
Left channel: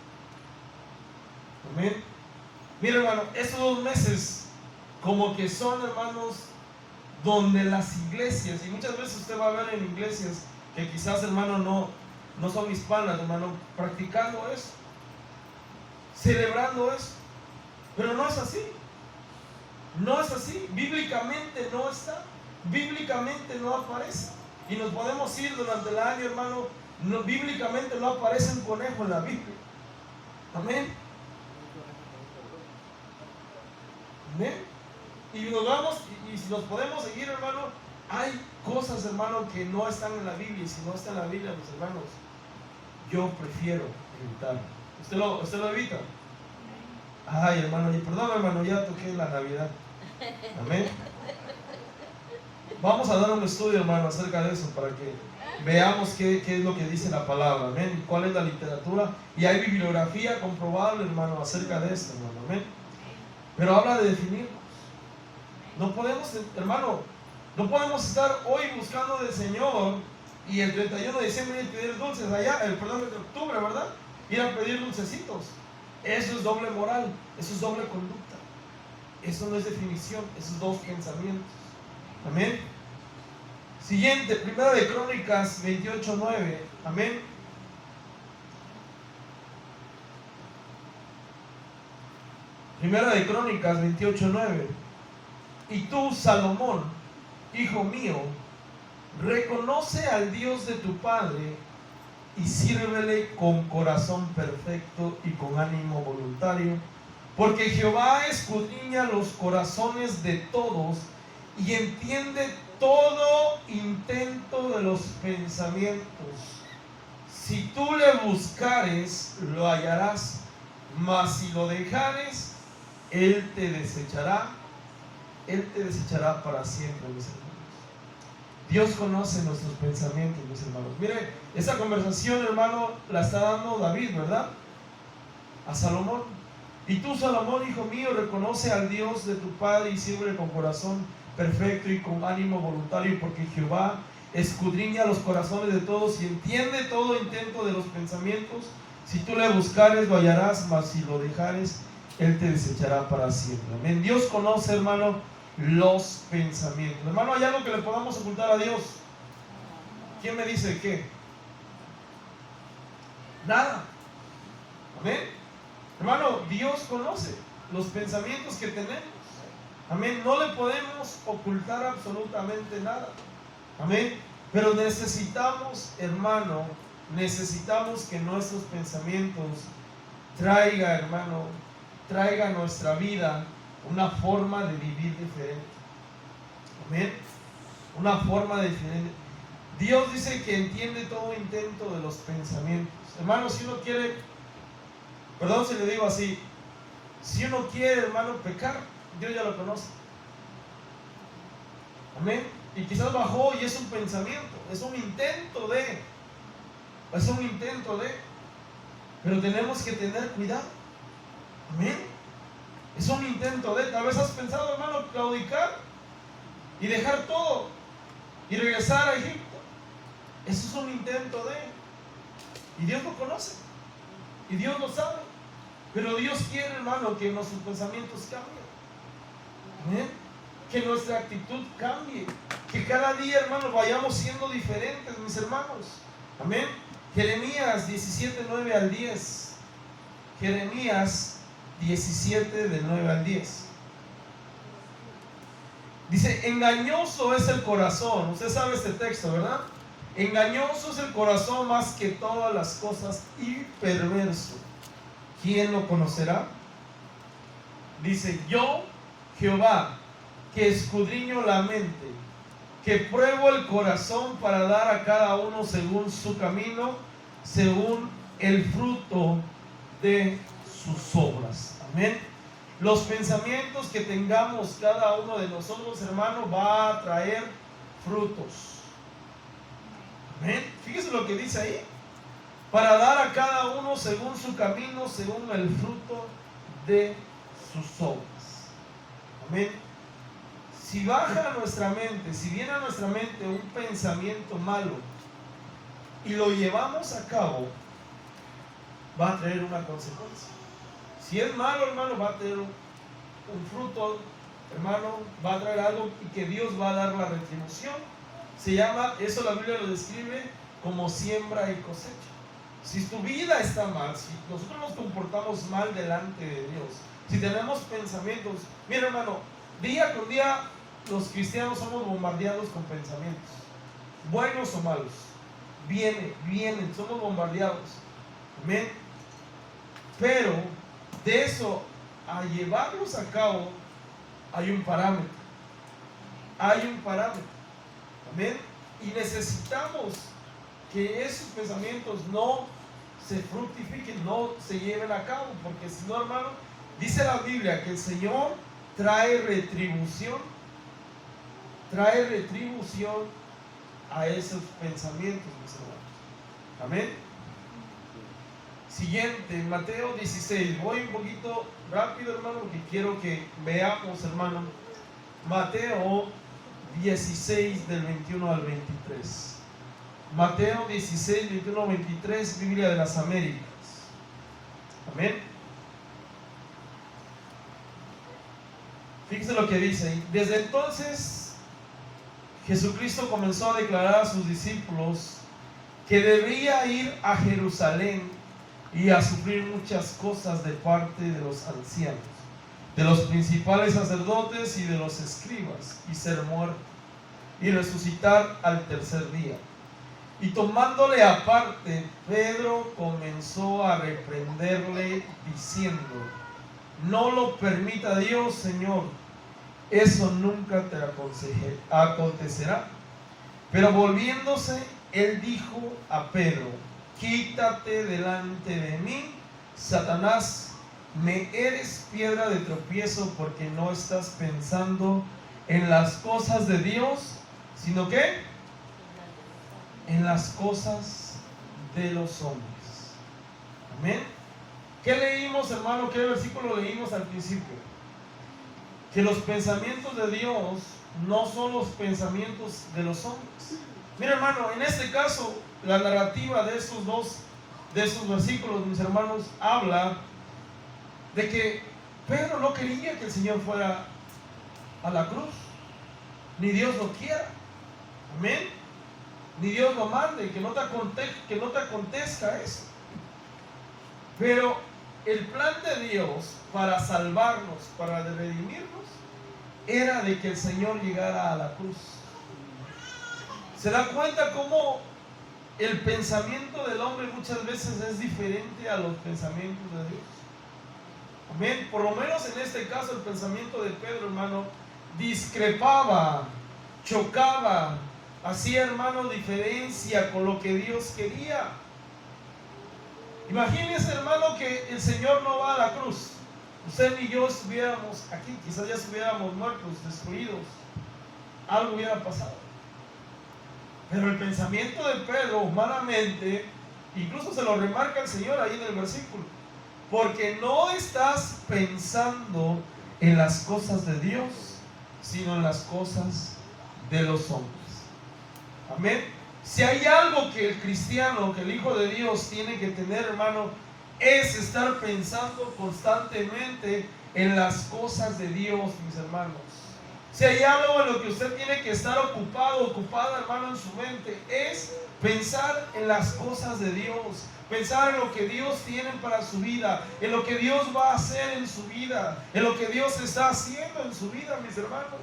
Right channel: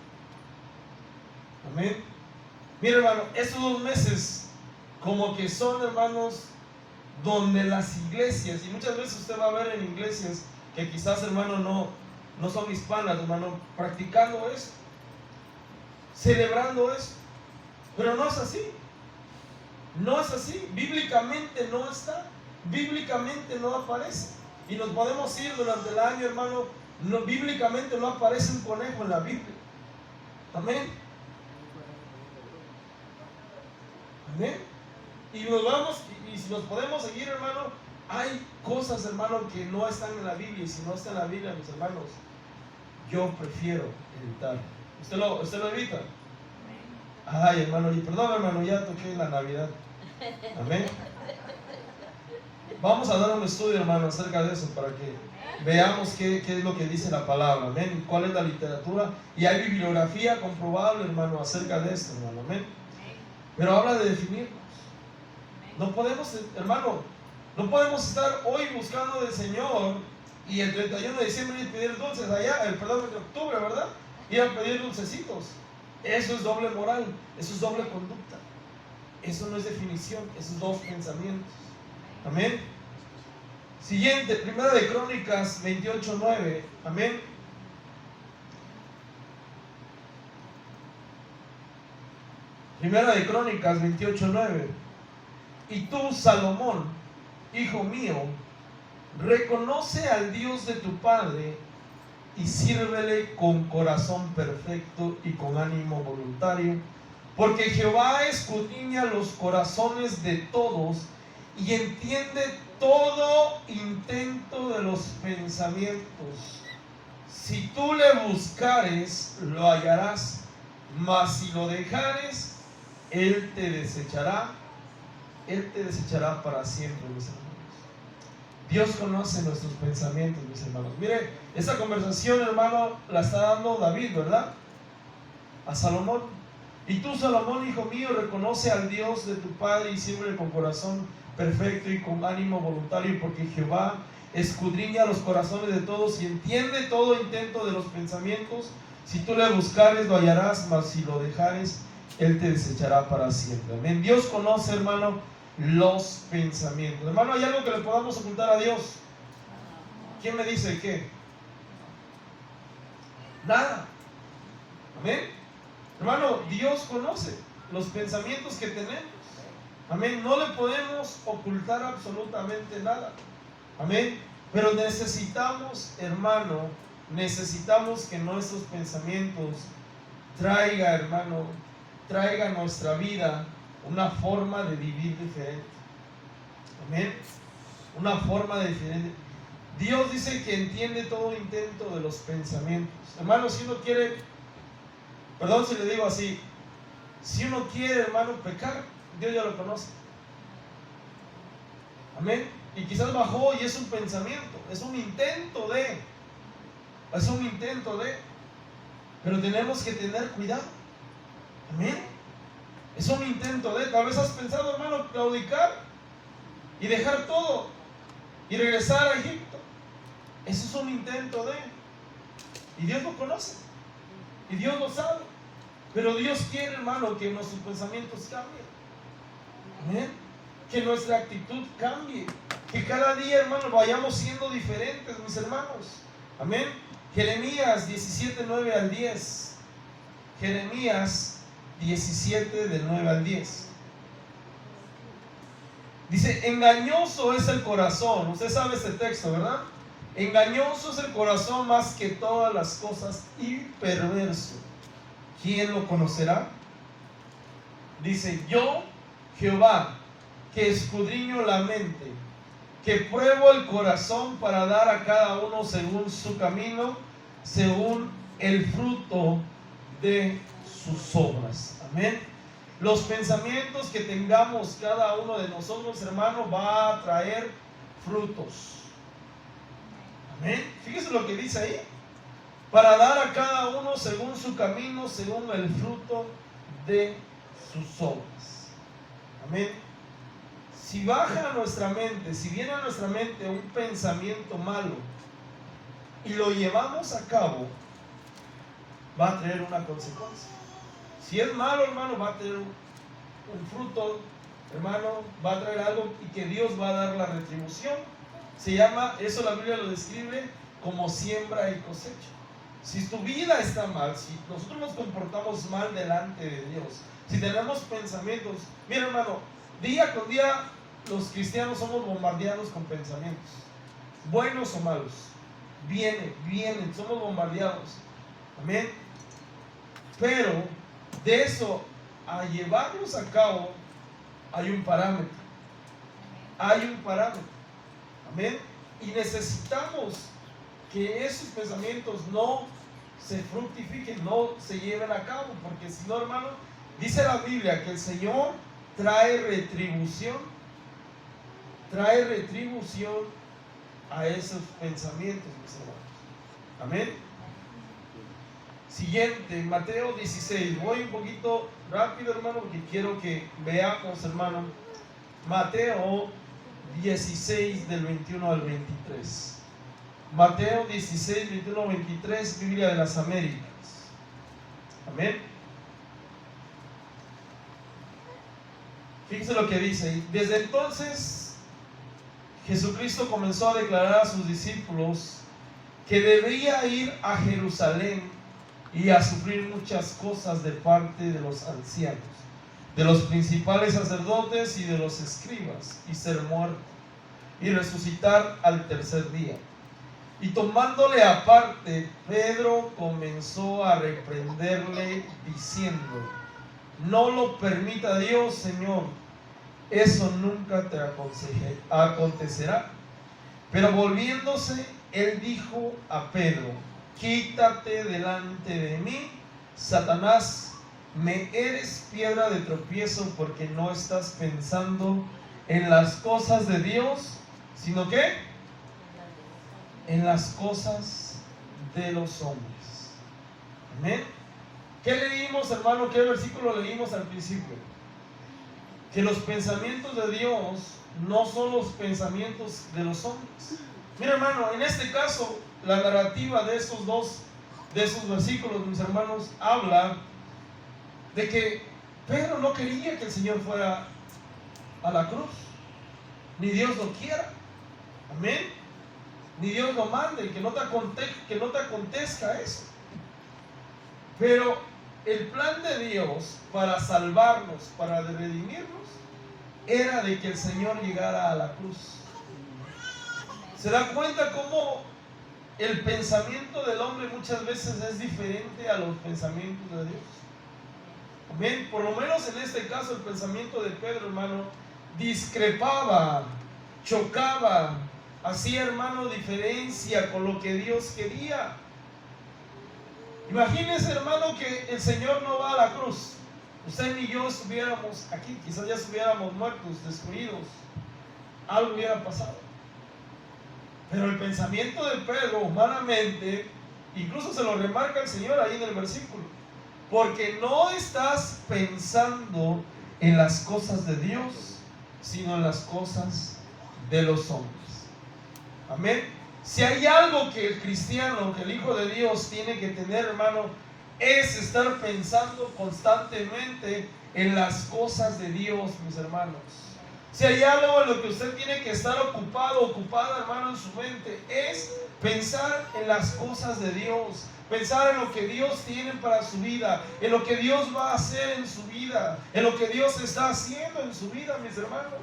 Amén. Mira, hermano, estos 2 meses como que son, hermanos, donde las iglesias, y muchas veces usted va a ver en iglesias que quizás, hermano, no son hispanas, hermano, practicando eso, celebrando eso. Pero no es así. No es así. Bíblicamente no está. Bíblicamente no aparece. Y nos podemos ir durante el año, hermano. Bíblicamente no aparece un conejo en la Biblia. Amén. Amén. Y nos vamos, y si nos podemos seguir, hermano, hay cosas, hermano, que no están en la Biblia. Y si no está en la Biblia, mis hermanos, yo prefiero evitar. ¿Usted lo evita? Ay, hermano, perdón, hermano, ya toqué la Navidad. Amén. Vamos a dar un estudio, hermano, acerca de eso para que veamos qué es lo que dice la palabra. Amén. ¿Cuál es la literatura? Y hay bibliografía comprobable, hermano, acerca de esto, hermano. Amén. Pero habla de definirnos. No podemos, hermano, no podemos estar hoy buscando del Señor y el 31 de diciembre ir a pedir dulces allá, el octubre, ¿verdad? Ir a pedir dulcecitos. Eso es doble moral, eso es doble conducta. Eso no es definición, esos 2 pensamientos. Amén. Siguiente, Primera de Crónicas 28:9. Amén. Primera de Crónicas 28:9. Y tú, Salomón, hijo mío, reconoce al Dios de tu padre y sírvele con corazón perfecto y con ánimo voluntario, porque Jehová escudriña los corazones de todos y entiende todo intento de los pensamientos. Si tú le buscares, lo hallarás, mas si lo dejares, Él te desechará para siempre, mis hermanos. Dios conoce nuestros pensamientos, mis hermanos. Mire, esa conversación, hermano, la está dando David, ¿verdad? A Salomón. Y tú, Salomón, hijo mío, reconoce al Dios de tu padre y sírvele con corazón perfecto y con ánimo voluntario, porque Jehová escudriña los corazones de todos y entiende todo intento de los pensamientos. Si tú le buscares, lo hallarás, mas si lo dejares, Él te desechará para siempre. Amén. Dios conoce, hermano, los pensamientos. Hermano, ¿hay algo que le podamos ocultar a Dios? ¿Quién me dice qué? Nada. Amén. Hermano, Dios conoce los pensamientos que tenemos. Amén. No le podemos ocultar absolutamente nada. Amén. Pero necesitamos, hermano, necesitamos que nuestros pensamientos traiga a nuestra vida una forma de vivir diferente. Amén. Una forma diferente. Dios dice que entiende todo intento de los pensamientos. Hermano, si uno quiere Perdón si le digo así. Si uno quiere, hermano, pecar, Dios ya lo conoce. Amén. Y quizás bajó y es un pensamiento, es un intento de, pero tenemos que tener cuidado. Amén. Es un intento de, tal vez has pensado, hermano, claudicar y dejar todo y regresar a Egipto. Eso es un intento de, y Dios lo conoce, y Dios lo sabe, pero Dios quiere, hermano, que nuestros pensamientos cambien. Amén. Que nuestra actitud cambie, que cada día, hermano, vayamos siendo diferentes, mis hermanos. Amén. Jeremías 17, 9 al 10. Jeremías 17, del 9 al 10. Dice, engañoso es el corazón. Usted sabe este texto, ¿verdad? Engañoso es el corazón más que todas las cosas y perverso. ¿Quién lo conocerá? Dice, yo, Jehová, que escudriño la mente, que pruebo el corazón para dar a cada uno según su camino, según el fruto de sus obras. Amén. Los pensamientos que tengamos cada uno de nosotros, hermano, va a traer frutos. Amén. Fíjese lo que dice ahí. Para dar a cada uno según su camino, según el fruto de sus obras. Amén. Si baja a nuestra mente, si viene a nuestra mente un pensamiento malo y lo llevamos a cabo, va a traer una consecuencia. Si es malo, hermano, va a tener un fruto, hermano, va a traer algo y que Dios va a dar la retribución. Se llama, eso la Biblia lo describe como siembra y cosecha. Si tu vida está mal, si nosotros nos comportamos mal delante de Dios, si tenemos pensamientos, mira, hermano, día con día los cristianos somos bombardeados con pensamientos, buenos o malos. Vienen, somos bombardeados. Amén. Pero de eso a llevarlos a cabo hay un parámetro. Amén. Y necesitamos que esos pensamientos no se fructifiquen, no se lleven a cabo, porque si no, hermano, dice la Biblia que el Señor trae retribución a esos pensamientos, mis hermanos. Amén. Siguiente, Mateo 16. Voy un poquito rápido, hermano, porque quiero que veamos, hermano, Mateo 16, del 21 al 23. Mateo 16, 21 al 23, Biblia de las Américas. Amén. Fíjense lo que dice ahí. Desde entonces, Jesucristo comenzó a declarar a sus discípulos que debía ir a Jerusalén y a sufrir muchas cosas de parte de los ancianos, de los principales sacerdotes y de los escribas, y ser muerto, y resucitar al tercer día. Y tomándole aparte, Pedro comenzó a reprenderle diciendo: no lo permita Dios, Señor, eso nunca te acontecerá. Pero volviéndose, él dijo a Pedro: quítate delante de mí, Satanás, me eres piedra de tropiezo, porque no estás pensando en las cosas de Dios, sino que en las cosas de los hombres. Amén. ¿Qué leímos, hermano? ¿Qué versículo leímos al principio? Que los pensamientos de Dios no son los pensamientos de los hombres. Mira, hermano, en este caso, la narrativa de esos versículos, mis hermanos, habla de que Pedro no quería que el Señor fuera a la cruz, ni Dios lo quiera. Amén. Ni Dios lo mande, que no te acontezca eso. Pero el plan de Dios para salvarnos, para redimirnos, era de que el Señor llegara a la cruz. ¿Se da cuenta cómo el pensamiento del hombre muchas veces es diferente a los pensamientos de Dios? Amén. Por lo menos en este caso el pensamiento de Pedro, hermano, discrepaba, chocaba, hacía, hermano, diferencia con lo que Dios quería. Imagínense, hermano, que el Señor no va a la cruz. Usted ni yo estuviéramos aquí, quizás ya estuviéramos muertos, destruidos. Algo hubiera pasado. Pero el pensamiento de Pedro, humanamente, incluso se lo remarca el Señor ahí en el versículo, porque no estás pensando en las cosas de Dios, sino en las cosas de los hombres. Amén. Si hay algo que el cristiano, que el Hijo de Dios tiene que tener, hermano, es estar pensando constantemente en las cosas de Dios, mis hermanos. Si hay algo en lo que usted tiene que estar ocupado, ocupada, hermano, en su mente, es pensar en las cosas de Dios, pensar en lo que Dios tiene para su vida, en lo que Dios va a hacer en su vida, en lo que Dios está haciendo en su vida, mis hermanos.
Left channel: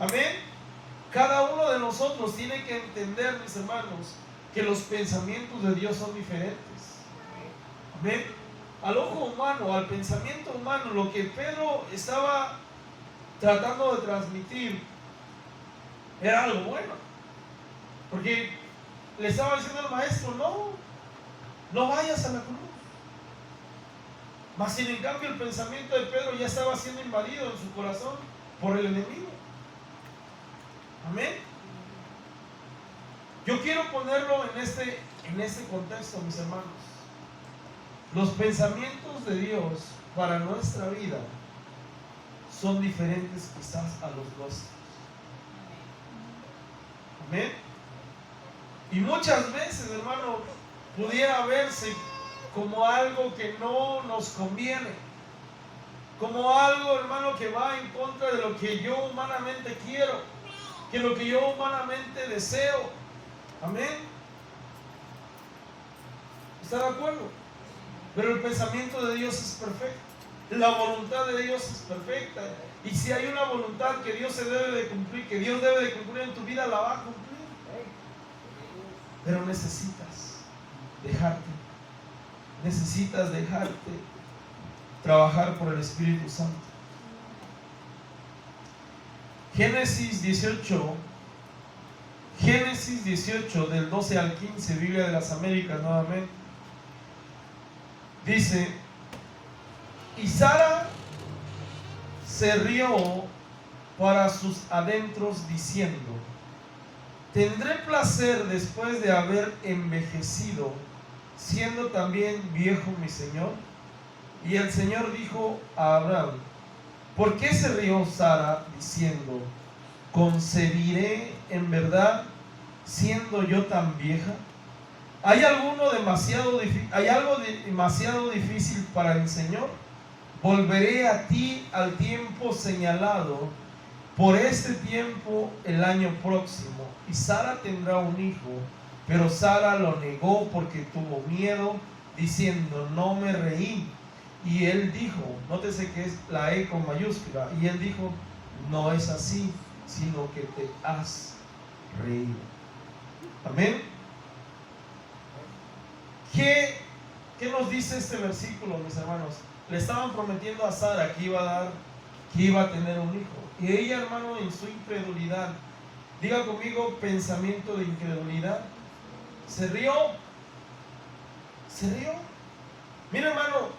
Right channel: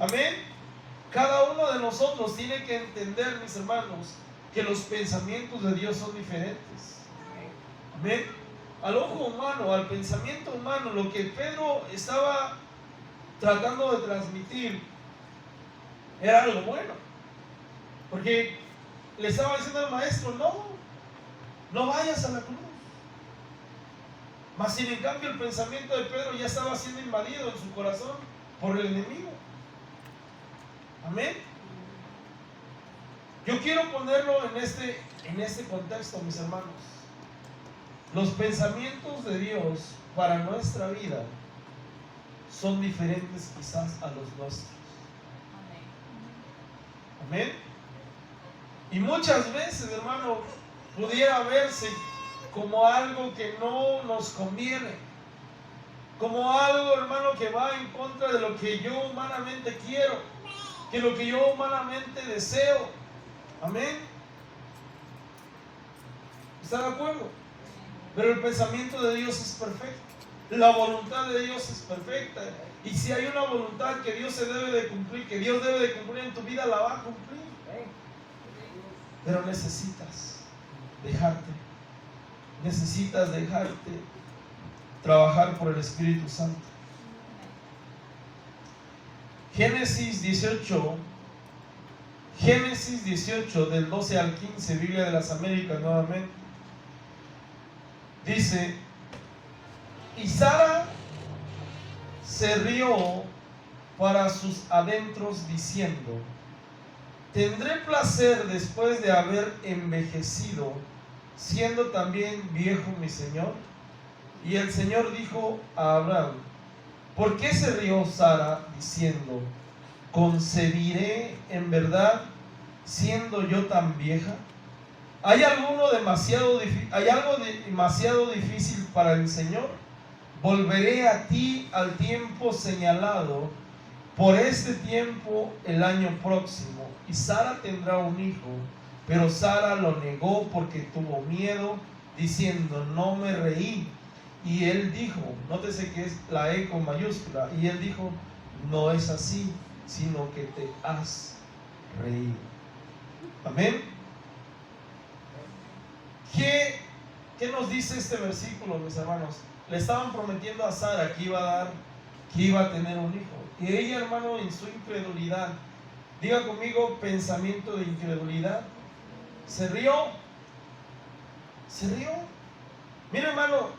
Amén. Cada uno de nosotros tiene que entender, mis hermanos, que los pensamientos de Dios son diferentes. Amén. Al ojo humano, al pensamiento humano, lo que Pedro estaba tratando de transmitir era algo bueno, porque le estaba diciendo al maestro: no vayas a la cruz. Mas sin en cambio el pensamiento de Pedro ya estaba siendo invadido en su corazón por el enemigo. Amén. Yo quiero ponerlo en este contexto, mis hermanos. Los pensamientos de Dios para nuestra vida son diferentes quizás a los nuestros. Amén. Y muchas veces, hermano, pudiera verse como algo que no nos conviene, como algo, hermano, que va en contra de lo que yo humanamente quiero, que lo que yo humanamente deseo. Amén. ¿Está de acuerdo? Pero el pensamiento de Dios es perfecto. La voluntad de Dios es perfecta. Y si hay una voluntad que Dios se debe de cumplir, que Dios debe de cumplir en tu vida, la va a cumplir. Pero necesitas dejarte trabajar por el Espíritu Santo. Génesis 18 del 12 al 15, Biblia de las Américas nuevamente, dice: y Sara se rió para sus adentros diciendo: tendré placer después de haber envejecido, siendo también viejo mi Señor. Y el Señor dijo a Abraham: ¿por qué se rió Sara diciendo: concebiré en verdad siendo yo tan vieja? ¿Hay algo demasiado difícil para el Señor? Volveré a ti al tiempo señalado, por este tiempo el año próximo, y Sara tendrá un hijo. Pero Sara lo negó porque tuvo miedo, diciendo: no me reí. Y él dijo, nótese que es la E con mayúscula, y él dijo: no es así, sino que te has reído. Amén. ¿Qué nos dice este versículo, mis hermanos? Le estaban prometiendo a Sara que iba a tener un hijo. Y ella, hermano, en su incredulidad, diga conmigo, pensamiento de incredulidad, se rió. Mira, hermano,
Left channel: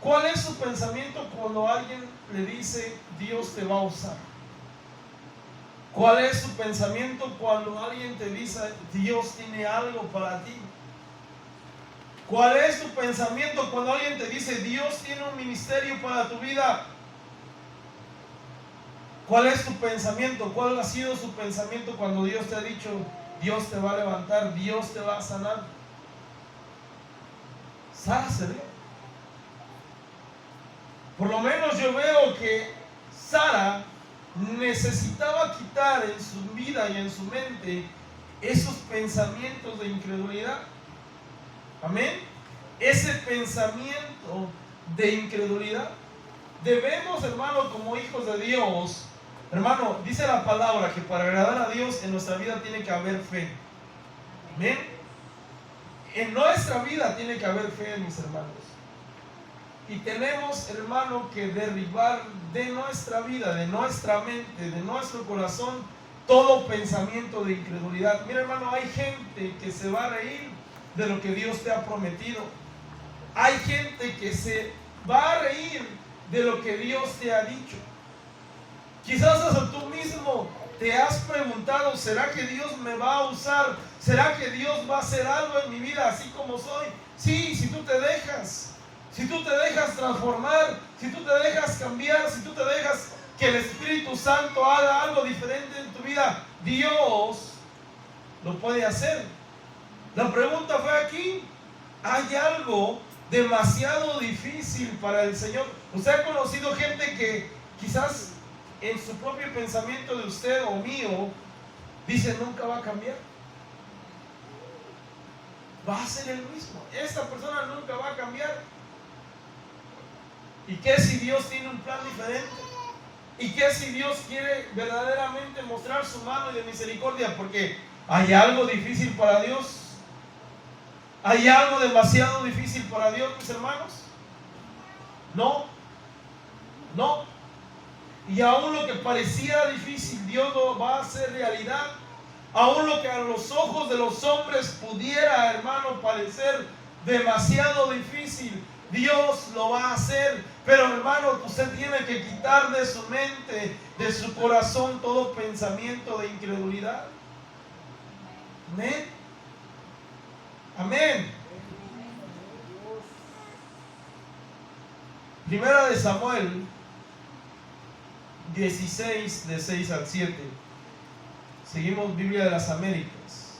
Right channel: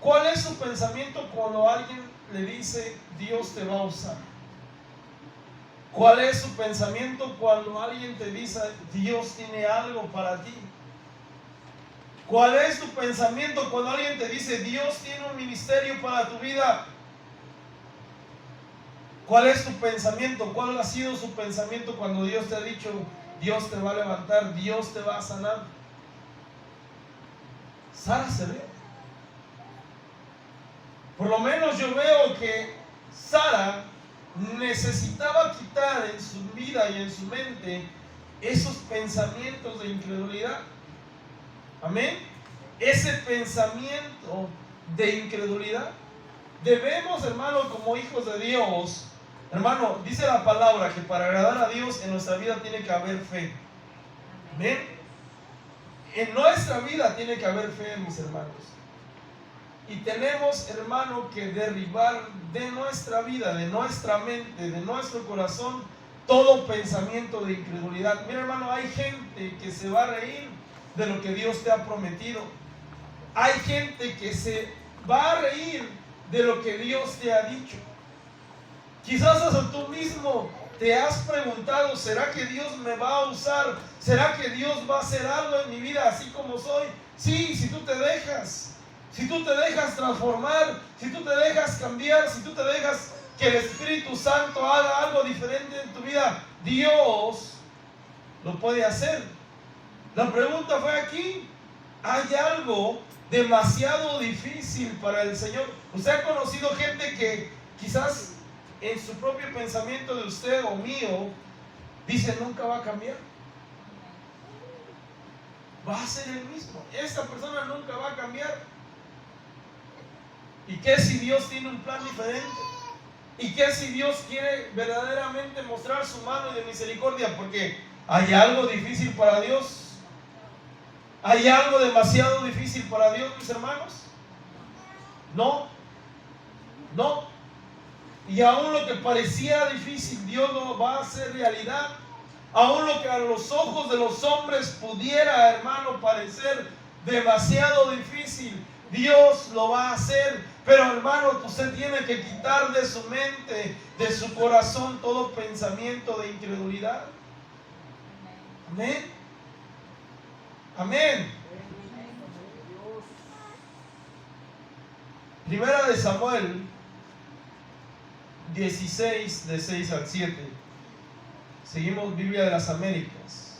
¿cuál es su pensamiento cuando alguien le dice: Dios te va a usar? ¿Cuál es su pensamiento cuando alguien te dice: Dios tiene algo para ti? ¿Cuál es tu pensamiento cuando alguien te dice: Dios tiene un ministerio para tu vida? ¿Cuál es tu pensamiento? ¿Cuál ha sido su pensamiento cuando Dios te ha dicho: Dios te va a levantar, Dios te va a sanar? Sara se ve. Por lo menos yo veo que Sara necesitaba quitar en su vida y en su mente esos pensamientos de incredulidad. Amén. Ese pensamiento de incredulidad. Debemos, hermano, como hijos de Dios, hermano, dice la palabra que para agradar a Dios en nuestra vida tiene que haber fe. Amén. En nuestra vida tiene que haber fe, mis hermanos. Y tenemos, hermano, que derribar de nuestra vida, de nuestra mente, de nuestro corazón, todo pensamiento de incredulidad. Mira, hermano, hay gente que se va a reír de lo que Dios te ha prometido. Hay gente que se va a reír de lo que Dios te ha dicho. Quizás hasta tú mismo te has preguntado, ¿será que Dios me va a usar? ¿Será que Dios va a hacer algo en mi vida así como soy? Sí, si tú te dejas transformar, si tú te dejas cambiar, si tú te dejas que el Espíritu Santo haga algo diferente en tu vida, Dios lo puede hacer. La pregunta fue aquí, ¿hay algo demasiado difícil para el Señor? ¿Usted ha conocido gente que quizás en su propio pensamiento de usted o mío dice nunca va a cambiar? Va a ser el mismo. Esa persona nunca va a cambiar. ¿Y qué si Dios tiene un plan diferente? ¿Y qué si Dios quiere verdaderamente mostrar su mano de misericordia? Porque ¿hay algo difícil para Dios? ¿Hay algo demasiado difícil para Dios, mis hermanos? No. No. Y aún lo que parecía difícil, Dios lo va a hacer realidad. Aún lo que a los ojos de los hombres pudiera, hermano, parecer demasiado difícil, Dios lo va a hacer. Pero, hermano, usted tiene que quitar de su mente, de su corazón, todo pensamiento de incredulidad. Amén. Amén. Primera de Samuel 16, de 6 al 7. Seguimos Biblia de las Américas.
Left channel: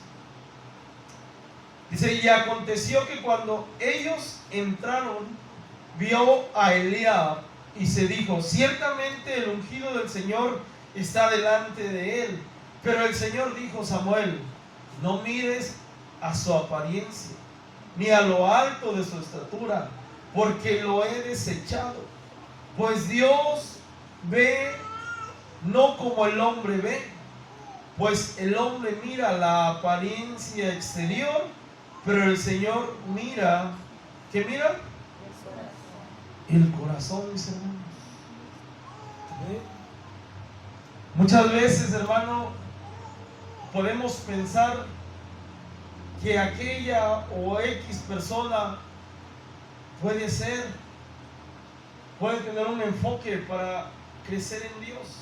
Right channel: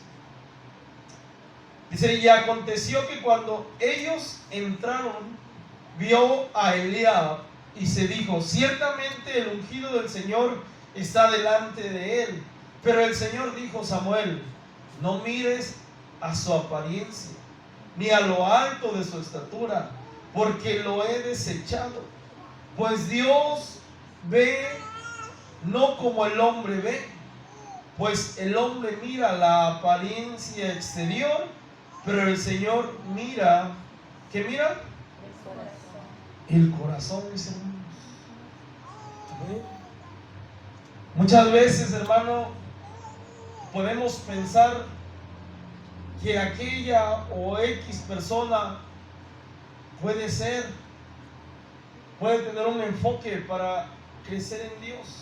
Dice, y aconteció que cuando ellos entraron, vio a Eliab y se dijo, ciertamente el ungido del Señor está delante de él. Pero el Señor dijo, Samuel, no mires a su apariencia, ni a lo alto de su estatura, porque lo he desechado. Pues Dios ve no como el hombre ve, pues el hombre mira la apariencia exterior, pero el Señor mira, ¿qué mira? El corazón, mis hermanos. Muchas veces, hermano, podemos pensar que aquella o X persona puede tener un enfoque para crecer en Dios,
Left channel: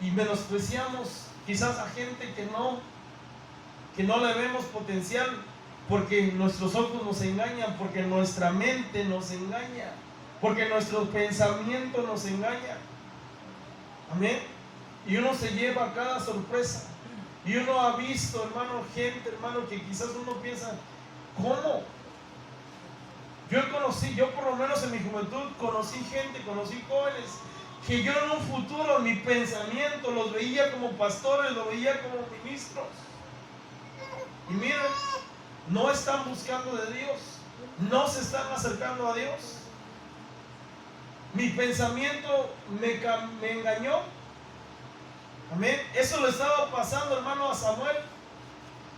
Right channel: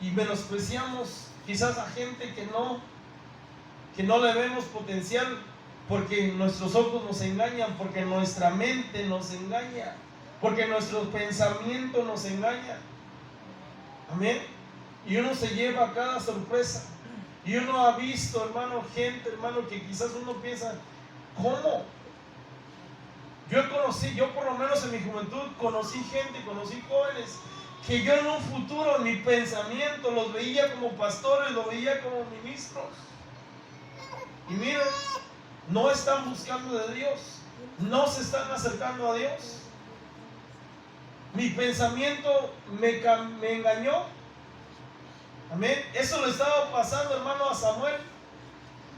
y menospreciamos quizás a gente que no le vemos potencial, porque nuestros ojos nos engañan, porque nuestra mente nos engaña, porque nuestro pensamiento nos engaña. Amén. Y uno se lleva cada sorpresa. Y uno ha visto, hermano, gente, hermano, que quizás uno piensa, ¿cómo? Yo por lo menos en mi juventud conocí jóvenes que yo en un futuro, en mi pensamiento, los veía como pastores, los veía como ministros. Y miren, no están buscando de Dios, no se están acercando a Dios. Mi pensamiento me engañó. Amén. Eso le estaba pasando, hermano, a Samuel.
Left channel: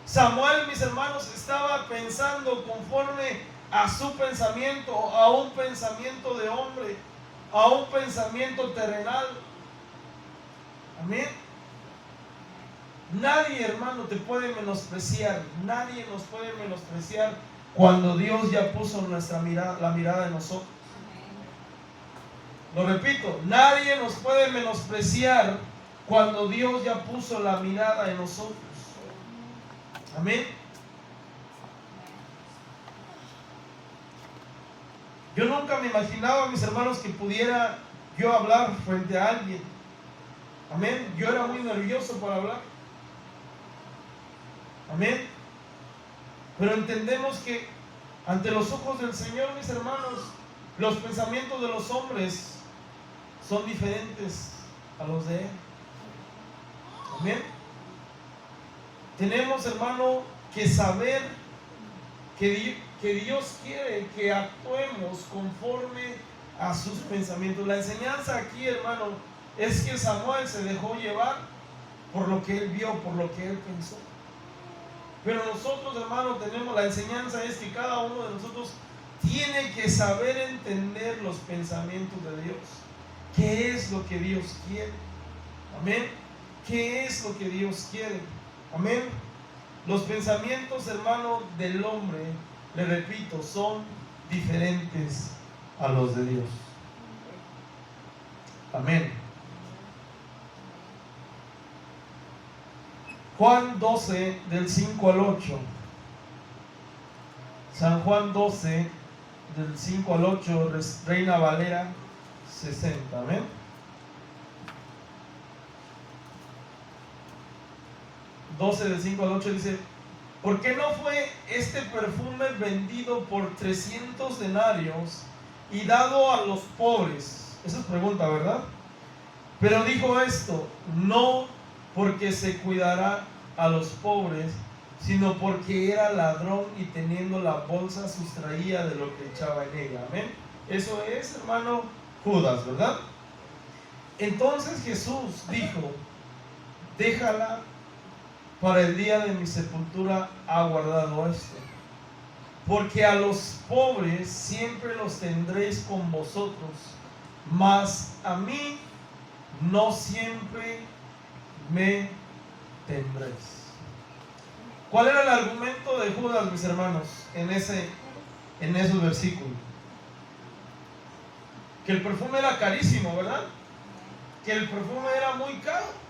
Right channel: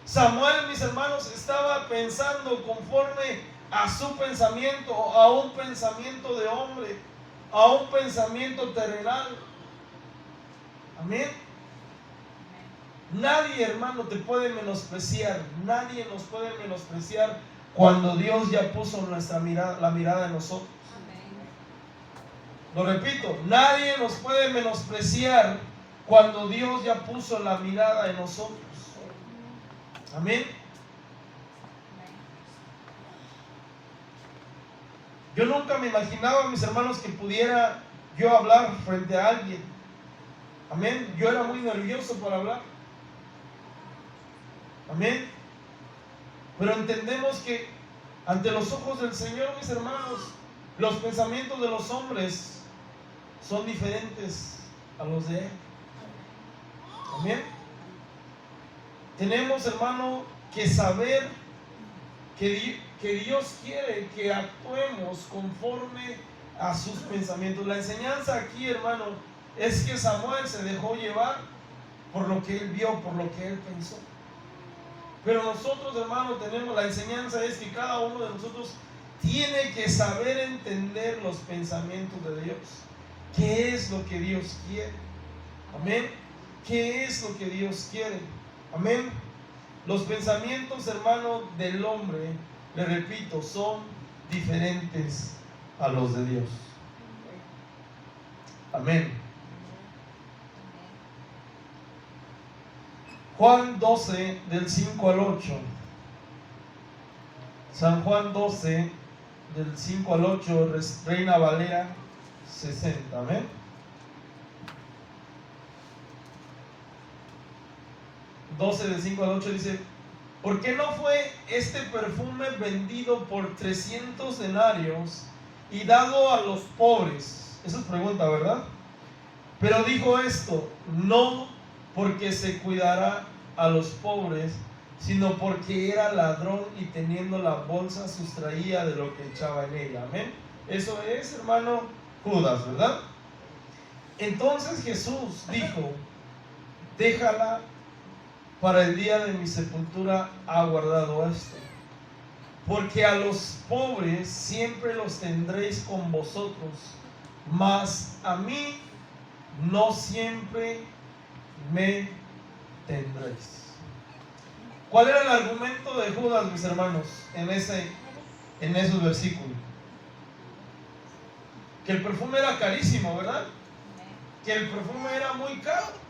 Samuel, mis hermanos, estaba pensando conforme a su pensamiento, a un pensamiento de hombre, a un pensamiento terrenal. Amén. Nadie, hermano, te puede menospreciar. Nadie nos puede menospreciar cuando Dios ya puso la mirada en nosotros. Lo repito, nadie nos puede menospreciar cuando Dios ya puso la mirada en nosotros. Amén. Yo nunca me imaginaba, mis hermanos, que pudiera yo hablar frente a alguien. Amén. Yo era muy nervioso para hablar. Amén. Pero entendemos que ante los ojos del Señor, mis hermanos, los pensamientos de los hombres son diferentes a los de Él. Amén. Tenemos, hermano, que saber que Dios quiere que actuemos conforme a sus pensamientos. La enseñanza aquí, hermano, es que Samuel se dejó llevar por lo que él vio, por lo que él pensó. Pero nosotros, hermano, tenemos la enseñanza, es que cada uno de nosotros tiene que saber entender los pensamientos de Dios. ¿Qué es lo que Dios quiere? Amén. ¿Qué es lo que Dios quiere? Amén. Los pensamientos, hermano, del hombre, le repito, son diferentes a los de Dios. Amén. Juan 12, del 5 al 8. San Juan 12, del 5 al 8, Reina Valera 60. Amén. Del 5 al 8 dice: ¿por qué no fue este perfume vendido por 300 denarios y dado a los pobres? Esa es pregunta, ¿verdad? Pero dijo esto, no porque se cuidara a los pobres, sino porque era ladrón y teniendo la bolsa sustraía de lo que echaba en ella. Amén. Eso es, hermano, Judas, ¿verdad? Entonces Jesús dijo: déjala, para el día de mi sepultura ha guardado esto, porque a los pobres siempre los tendréis con vosotros, mas a mí no siempre me tendréis. ¿Cuál era el argumento de Judas, mis hermanos, en esos versículos? Que el perfume era carísimo, ¿verdad? Que el perfume era muy caro.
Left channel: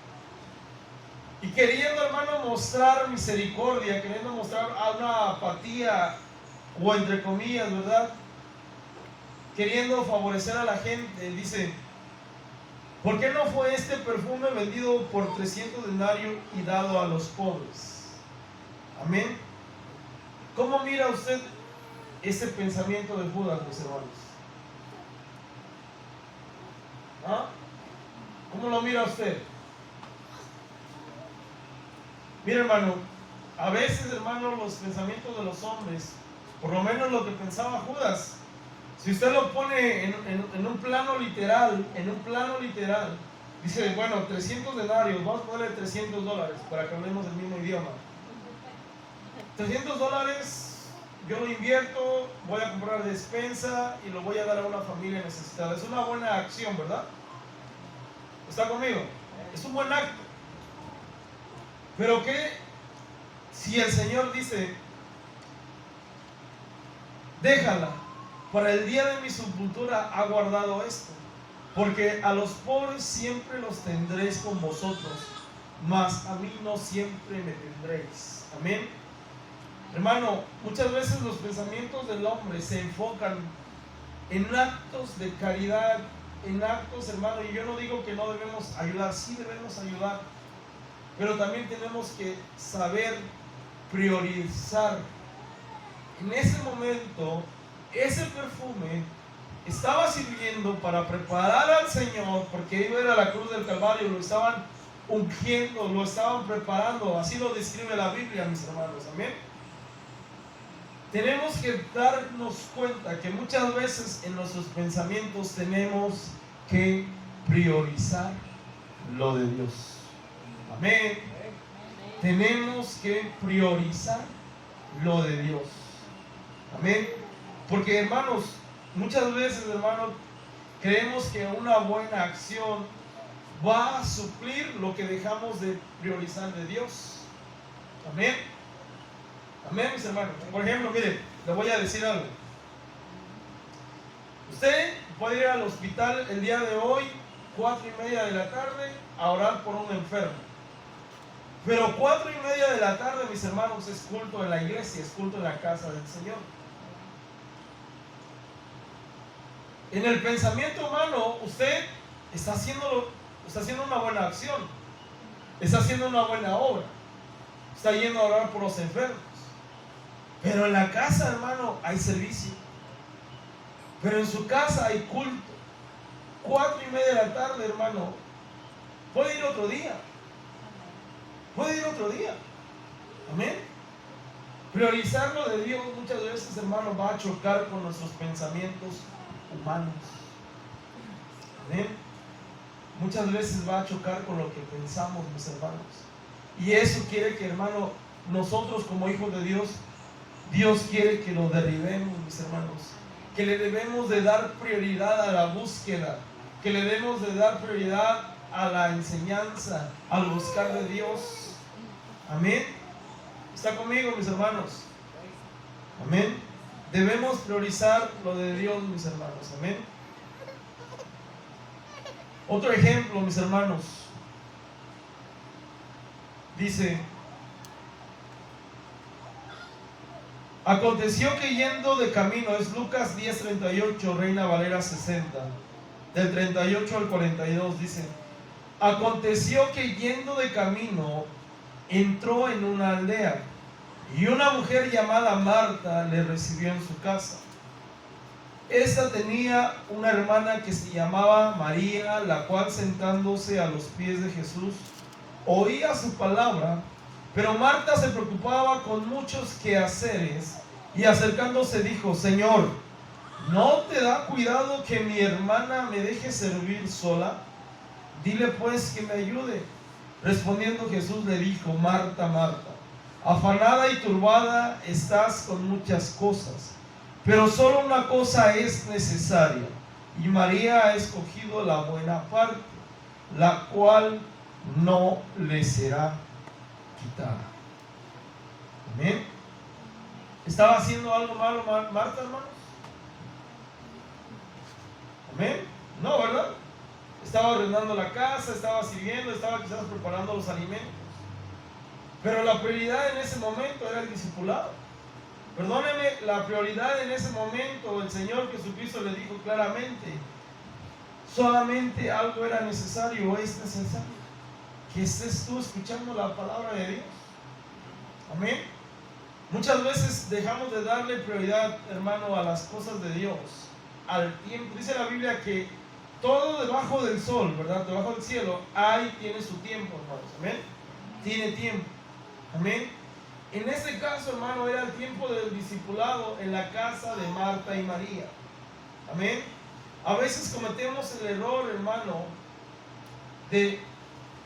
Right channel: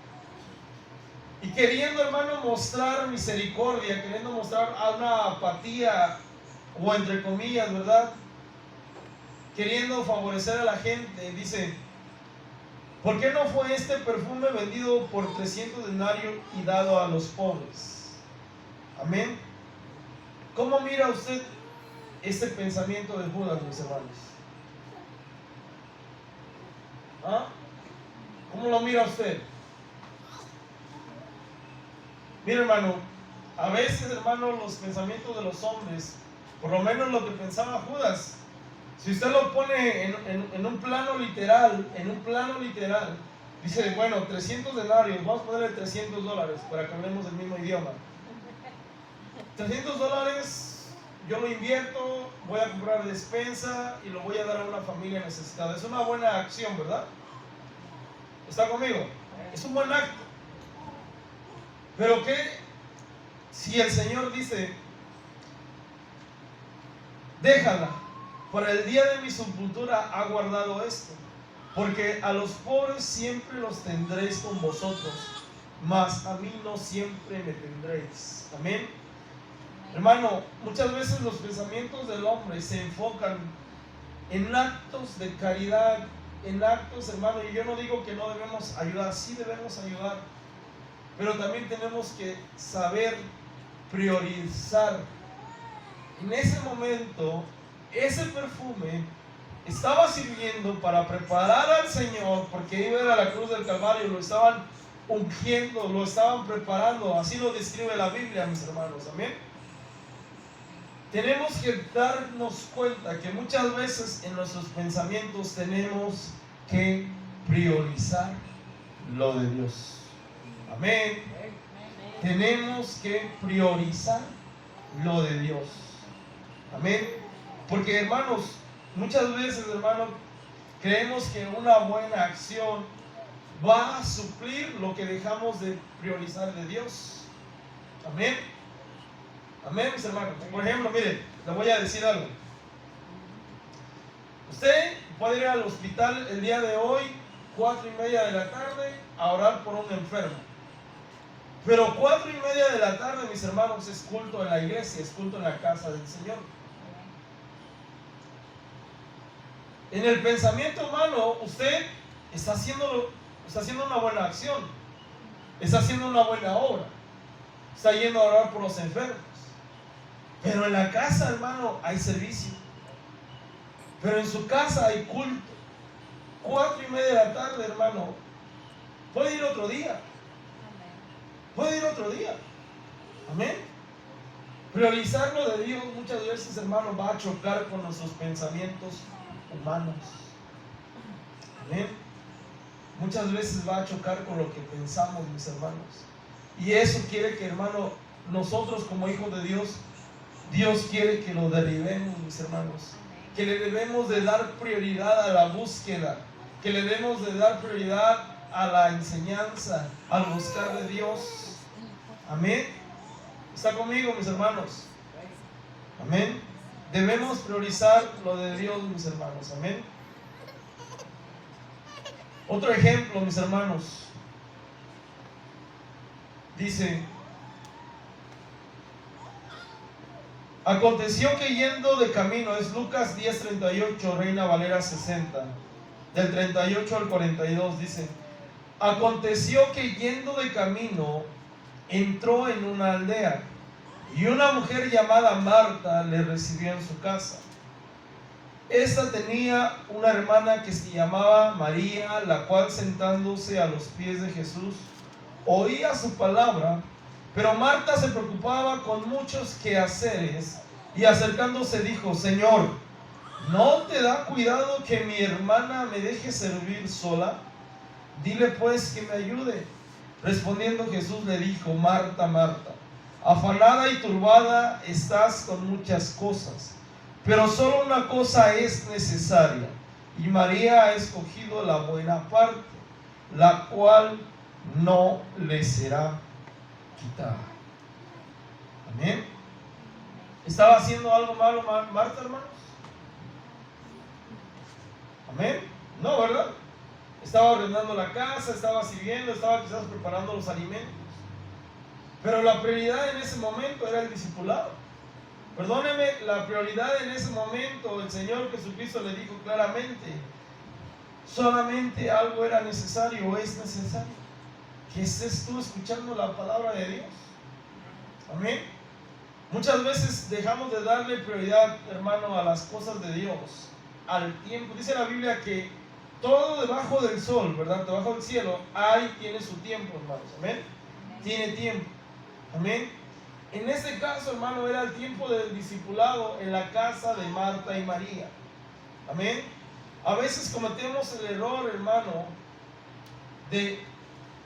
Y queriendo, hermano, mostrar misericordia, queriendo mostrar una apatía, o entre comillas, ¿verdad? Queriendo favorecer a la gente, dice: ¿por qué no fue este perfume vendido por 300 denarios y dado a los pobres? Amén. ¿Cómo mira usted ese pensamiento de Judas, mis hermanos? ¿Ah? ¿Cómo lo mira usted? Mira, hermano, a veces, hermano, los pensamientos de los hombres, por lo menos lo que pensaba Judas, si usted lo pone en un plano literal, dice, bueno, 300 denarios, vamos a ponerle $300 para que hablemos el mismo idioma. $300 yo lo invierto, voy a comprar despensa y lo voy a dar a una familia necesitada. Es una buena acción, ¿verdad? ¿Está conmigo? Es un buen acto. Pero ¿qué si el Señor dice: déjala, para el día de mi sepultura ha guardado esto, porque a los pobres siempre los tendréis con vosotros, mas a mí no siempre me tendréis? Amén. Hermano, muchas veces los pensamientos del hombre se enfocan en actos de caridad, en actos, hermano, y yo no digo que no debemos ayudar, sí debemos ayudar, pero también tenemos que saber priorizar. En ese momento, ese perfume estaba sirviendo para preparar al Señor, porque iba a ir a la cruz del Calvario, lo estaban ungiendo, lo estaban preparando. Así lo describe la Biblia, mis hermanos. Amén. Tenemos que darnos cuenta que muchas veces en nuestros pensamientos tenemos que priorizar lo de Dios. Amén. Tenemos que priorizar lo de Dios. Amén. Porque, hermanos, muchas veces, hermanos, creemos que una buena acción va a suplir lo que dejamos de priorizar de Dios. Amén. Amén, mis hermanos. Por ejemplo, mire, le voy a decir algo. Usted puede ir al hospital el día de hoy, 4:30 de la tarde, a orar por un enfermo. Pero 4:30 de la tarde, mis hermanos, es culto en la iglesia, es culto en la casa del Señor. En el pensamiento humano, usted está haciendo una buena acción, está haciendo una buena obra, está yendo a orar por los enfermos. Pero en la casa, hermano, hay servicio. Pero en su casa hay culto. 4:30 de la tarde, hermano, puede ir otro día. Puede ir otro día. Amén. Priorizar lo de Dios muchas veces, hermano, va a chocar con nuestros pensamientos humanos. Amén. Muchas veces va a chocar con lo que pensamos, mis hermanos. Y eso quiere que, hermano, nosotros como hijos de Dios, Dios quiere que lo derribemos, mis hermanos. Que le debemos de dar prioridad a la búsqueda, que le debemos de dar prioridad a la enseñanza, al buscar de Dios. Amén. ¿Está conmigo, mis hermanos? Amén. Debemos priorizar lo de Dios, mis hermanos. Amén. Otro ejemplo, mis hermanos. Dice: aconteció que yendo de camino, es Lucas 10:38, Reina Valera 60, del 38 al 42, dice: aconteció que yendo de camino, entró en una aldea, y una mujer llamada Marta le recibió en su casa. Esta tenía una hermana que se llamaba María, la cual, sentándose a los pies de Jesús, oía su palabra. Pero Marta se preocupaba con muchos quehaceres, y acercándose dijo: Señor, ¿no te da cuidado que mi hermana me deje servir sola? Dile pues que me ayude. Respondiendo Jesús le dijo: Marta, Marta, afanada y turbada estás con muchas cosas, pero solo una cosa es necesaria, y María ha escogido la buena parte, la cual no le será quitada. Amén. ¿Estaba haciendo algo malo Marta, hermanos? Amén. No, ¿verdad? Estaba ordenando la casa, estaba sirviendo, estaba quizás preparando los alimentos. Pero la prioridad en ese momento era el discipulado. Perdóneme, la prioridad en ese momento, el Señor Jesucristo le dijo claramente: solamente algo era necesario o es necesario, que estés tú escuchando la palabra de Dios. Amén. Muchas veces dejamos de darle prioridad, hermano, a las cosas de Dios, al tiempo. Dice la Biblia que todo debajo del sol, ¿verdad? Debajo del cielo, tiene su tiempo, hermanos. Amén. Tiene tiempo. Amén. En este caso, hermano, era el tiempo del discipulado en la casa de Marta y María. Amén. A veces cometemos el error, hermano, de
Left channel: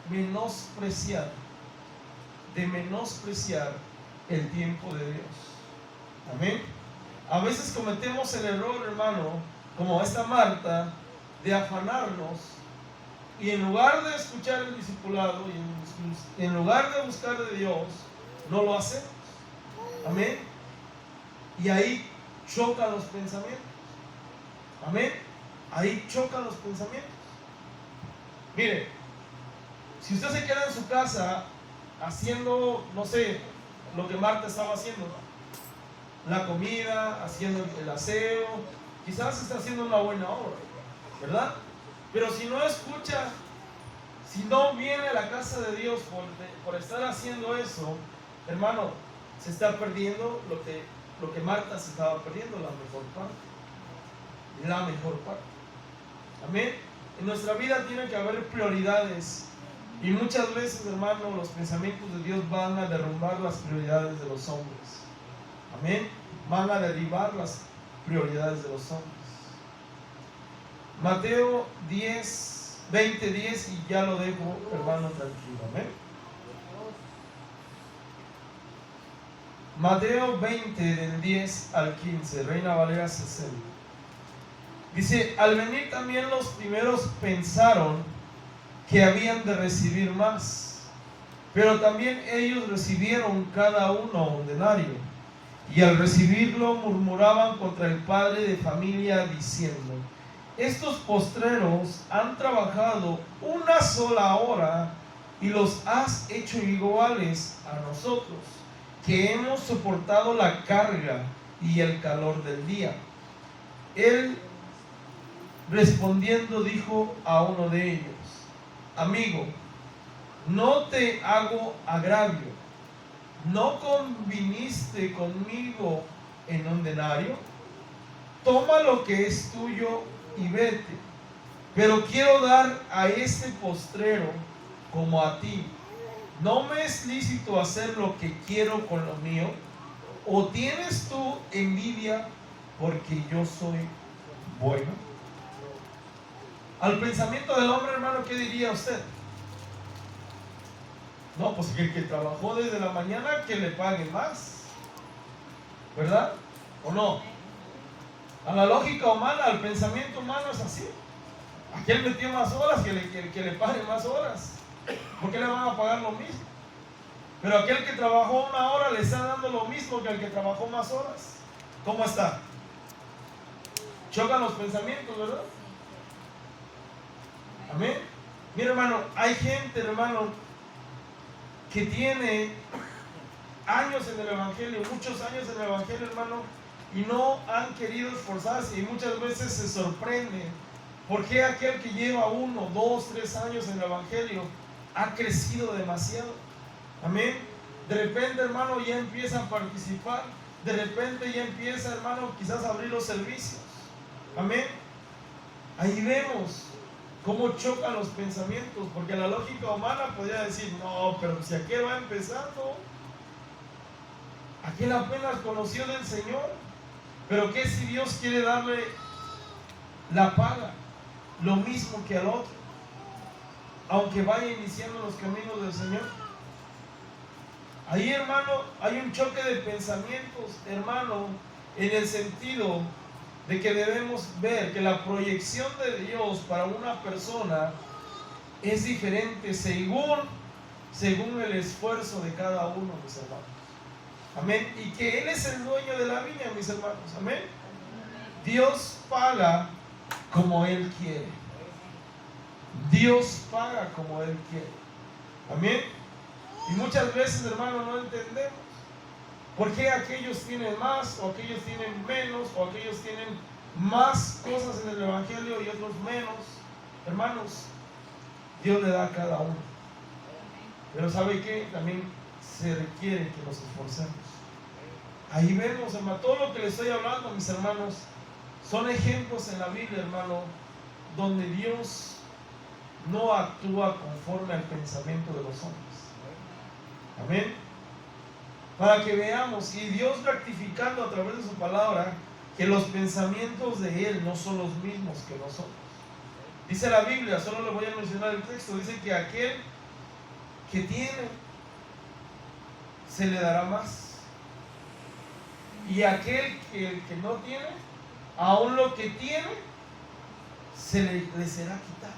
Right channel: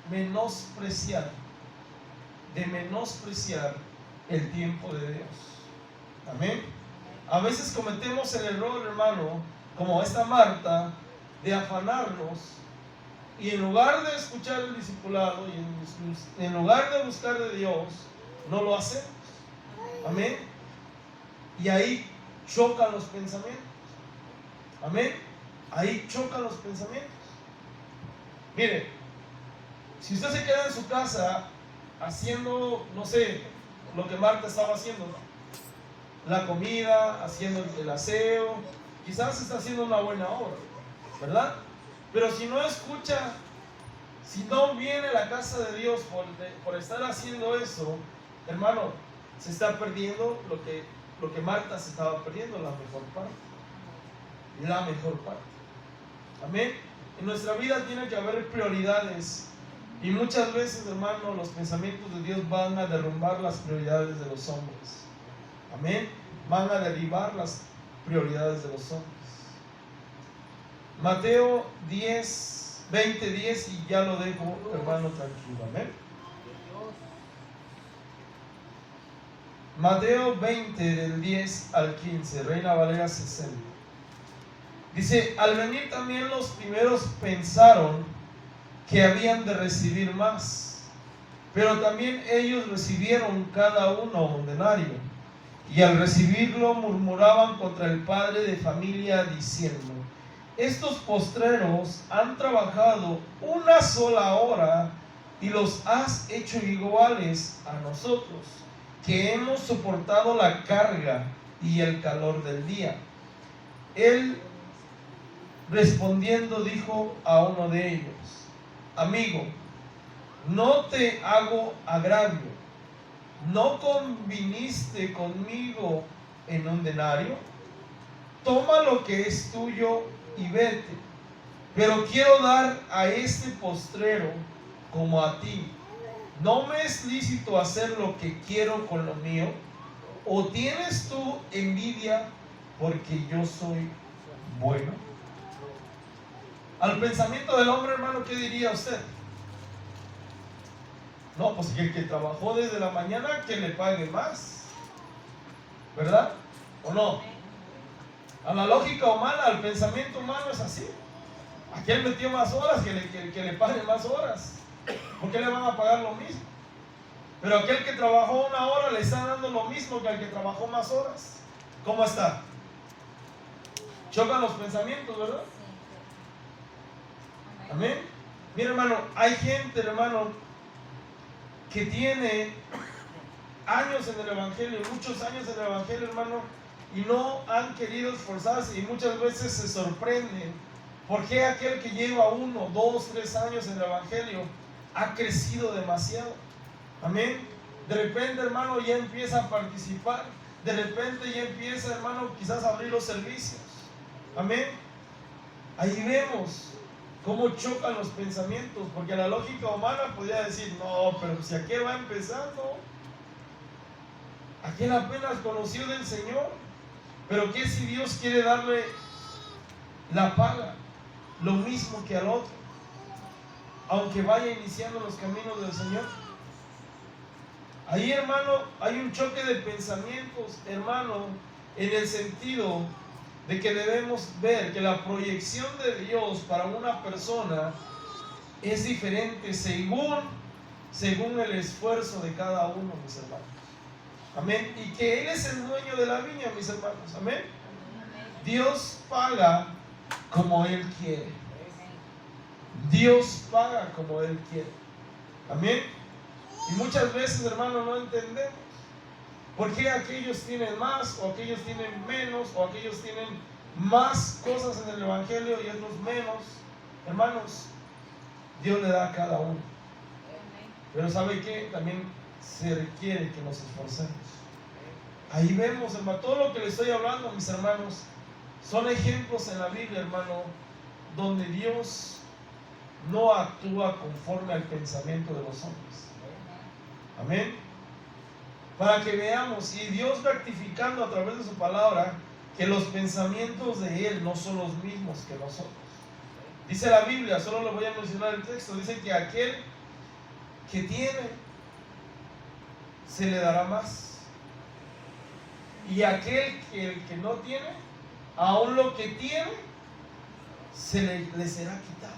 menospreciar el tiempo de Dios. Amén. A veces cometemos el error, hermano, como esta Marta, de afanarnos, y en lugar de escuchar el discipulado y en lugar de buscar de Dios, no lo hacemos. Amén. Y ahí chocan los pensamientos. Amén. Ahí chocan los pensamientos. Mire, si usted se queda en su casa haciendo, no sé, lo que Marta estaba haciendo, ¿no? La comida, haciendo el aseo, quizás está haciendo una buena obra, ¿verdad? Pero si no escucha, si no viene a la casa de Dios por estar haciendo eso, hermano, se está perdiendo lo que Marta se estaba perdiendo, la mejor parte. La mejor parte. Amén. En nuestra vida tiene que haber prioridades. Y muchas veces, hermano, los pensamientos de Dios van a derrumbar las prioridades de los hombres. Amén. Van a derribar las prioridades de los hombres. Mateo 20:10, y ya lo dejo, hermano, tranquilo. Amén. Mateo 20, del 10 al 15, Reina Valera 60. Dice: al venir también los primeros pensaron que habían de recibir más, pero también ellos recibieron cada uno un denario, y al recibirlo murmuraban contra el padre de familia diciendo: estos postreros han trabajado una sola hora y los has hecho iguales a nosotros, que hemos soportado la carga y el calor del día. Él, respondiendo, dijo a uno de ellos: amigo, no te hago agravio, ¿no conviniste conmigo en un denario? Toma lo que es tuyo y vete. Pero quiero dar a este postrero como a ti. ¿No me es lícito hacer lo que quiero con lo mío? ¿O tienes tú envidia porque yo soy bueno? Al pensamiento del hombre, hermano, ¿qué diría usted? No, pues el que trabajó desde la mañana, que le pague más, ¿verdad? ¿O no? A la lógica humana, al pensamiento humano es así. Aquel metió más horas, que le pague más horas. ¿Por qué le van a pagar lo mismo? Pero aquel que trabajó 1 hora le está dando lo mismo que al que trabajó más horas. ¿Cómo está? Chocan los pensamientos, ¿verdad? Amén. Mira, hermano, hay gente, hermano, que tiene años en el Evangelio, muchos años en el Evangelio, hermano, y no han querido esforzarse, y muchas veces se sorprenden por qué aquel que lleva 1, 2, 3 años en el Evangelio ha crecido demasiado. Amén. De repente, hermano, ya empieza a participar, de repente ya empieza, hermano, quizás a abrir los servicios. Amén. Ahí vemos cómo chocan los pensamientos, porque la lógica humana podría decir, no, pero si aquel va empezando, aquel apenas conoció del Señor. Pero ¿qué si Dios quiere darle la paga? Lo mismo que al otro, aunque vaya iniciando los caminos del Señor. Ahí, hermano, hay un choque de pensamientos, hermano, en el sentido de que debemos ver que la proyección de Dios para una persona es diferente según el esfuerzo de cada uno, mis hermanos. Amén. Y que Él es el dueño de la viña, mis hermanos. Amén. Dios paga como Él quiere. Dios paga como Él quiere. Amén. Y muchas veces, hermano, no entendemos por qué aquellos tienen más o aquellos tienen menos o aquellos tienen más cosas en el Evangelio y otros menos. Hermanos, Dios le da a cada uno. Pero ¿sabe qué? También se requiere que nos esforcemos. Ahí vemos, hermano, todo lo que les estoy hablando, mis hermanos, son ejemplos en la Biblia, hermano, donde Dios no actúa conforme al pensamiento de los hombres. Amén. Para que veamos, y Dios rectificando a través de su palabra, que los pensamientos de Él no son los mismos que nosotros. Dice la Biblia, solo le voy a mencionar el texto, dice que aquel que tiene, se le dará más. Y aquel que no tiene, aún lo que tiene, le será quitado.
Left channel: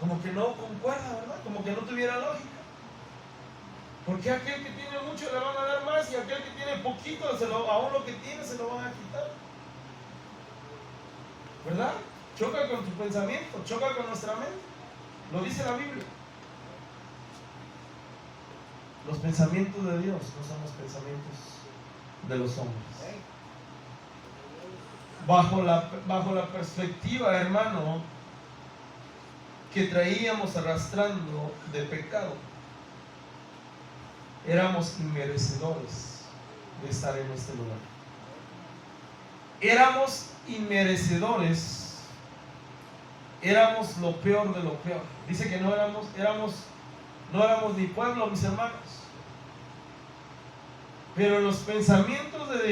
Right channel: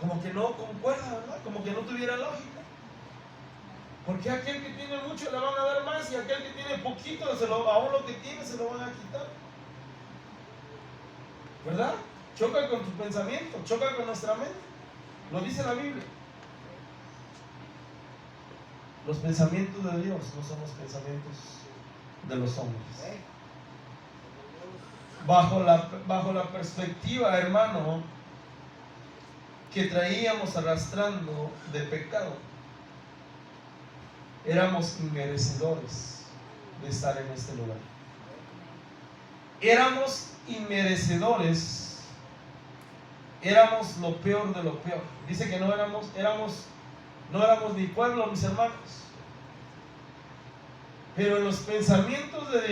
Como que no concuerda, ¿verdad? Como que no tuviera lógica. Porque aquel que tiene mucho le van a dar más y aquel que tiene poquito, aún lo que tiene se lo van a quitar. ¿Verdad? Choca con tu pensamiento, choca con nuestra mente. Lo dice la Biblia. Los pensamientos de Dios no son los pensamientos de los hombres. Bajo la perspectiva, hermano, que traíamos arrastrando de pecado, éramos inmerecedores de estar en este lugar. Éramos inmerecedores, éramos lo peor de lo peor. Dice que no éramos ni pueblo, mis hermanos. Pero en los pensamientos de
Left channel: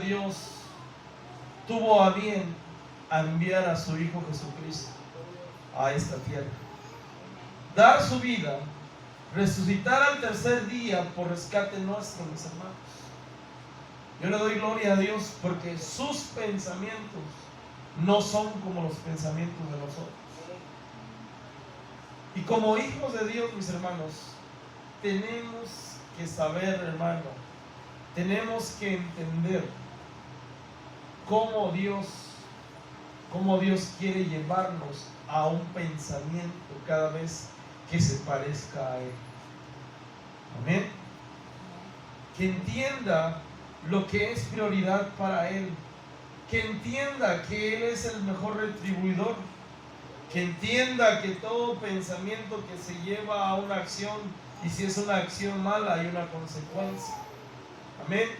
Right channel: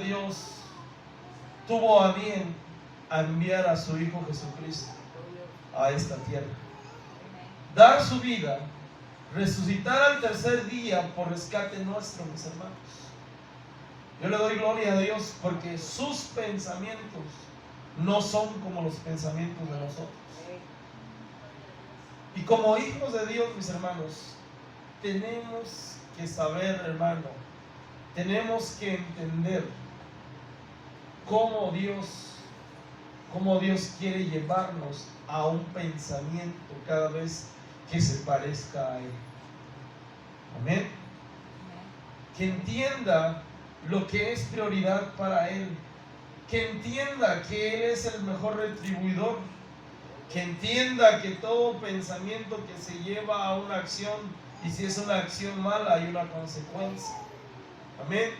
Dios, tuvo a bien a enviar a su Hijo Jesucristo a esta tierra, dar su vida, resucitar al tercer día por rescate nuestro, mis hermanos. Yo le doy gloria a Dios porque sus pensamientos no son como los pensamientos de nosotros. Y como hijos de Dios, mis hermanos, tenemos que saber, hermano, tenemos que entender cómo Dios quiere llevarnos a un pensamiento cada vez que se parezca a Él. Amén. Que entienda lo que es prioridad para Él. Que entienda que Él es el mejor retribuidor. Que entienda que todo pensamiento que se lleva a una acción, y si es una acción mala, hay una consecuencia. Amén.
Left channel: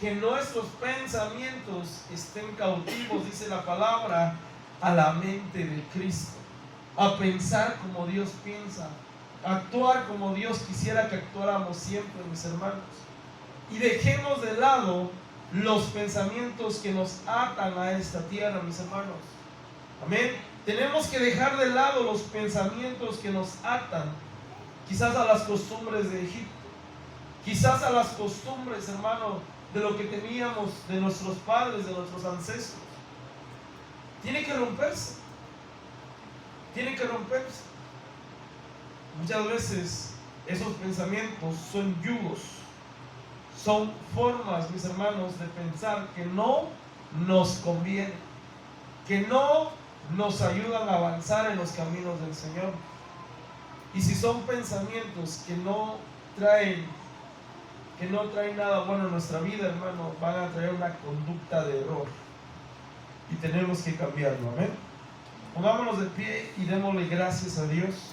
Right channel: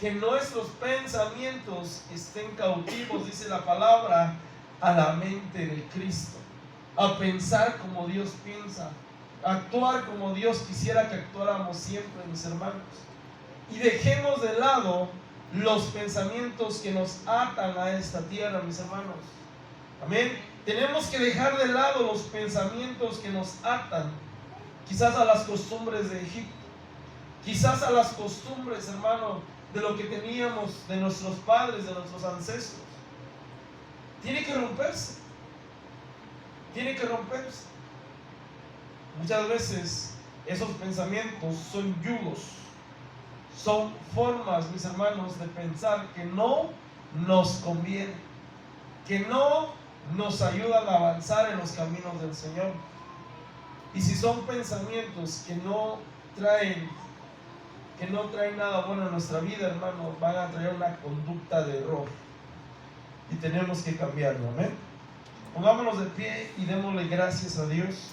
Que nuestros pensamientos estén cautivos, dice la palabra, a la mente de Cristo. A pensar como Dios piensa, a actuar como Dios quisiera que actuáramos siempre, mis hermanos. Y dejemos de lado los pensamientos que nos atan a esta tierra, mis hermanos. Amén. Tenemos que dejar de lado los pensamientos que nos atan, quizás a las costumbres de Egipto, quizás a las costumbres, hermano, de lo que teníamos de nuestros padres, de nuestros ancestros. Tiene que romperse. Tiene que romperse. Muchas veces esos pensamientos son yugos, son formas, mis hermanos, de pensar que no nos conviene, que no nos ayudan a avanzar en los caminos del Señor. Y si son pensamientos que no traen nada bueno a nuestra vida, hermano, van a traer una conducta de error. Y tenemos que cambiarlo, amén. Pongámonos de pie y démosle gracias a Dios.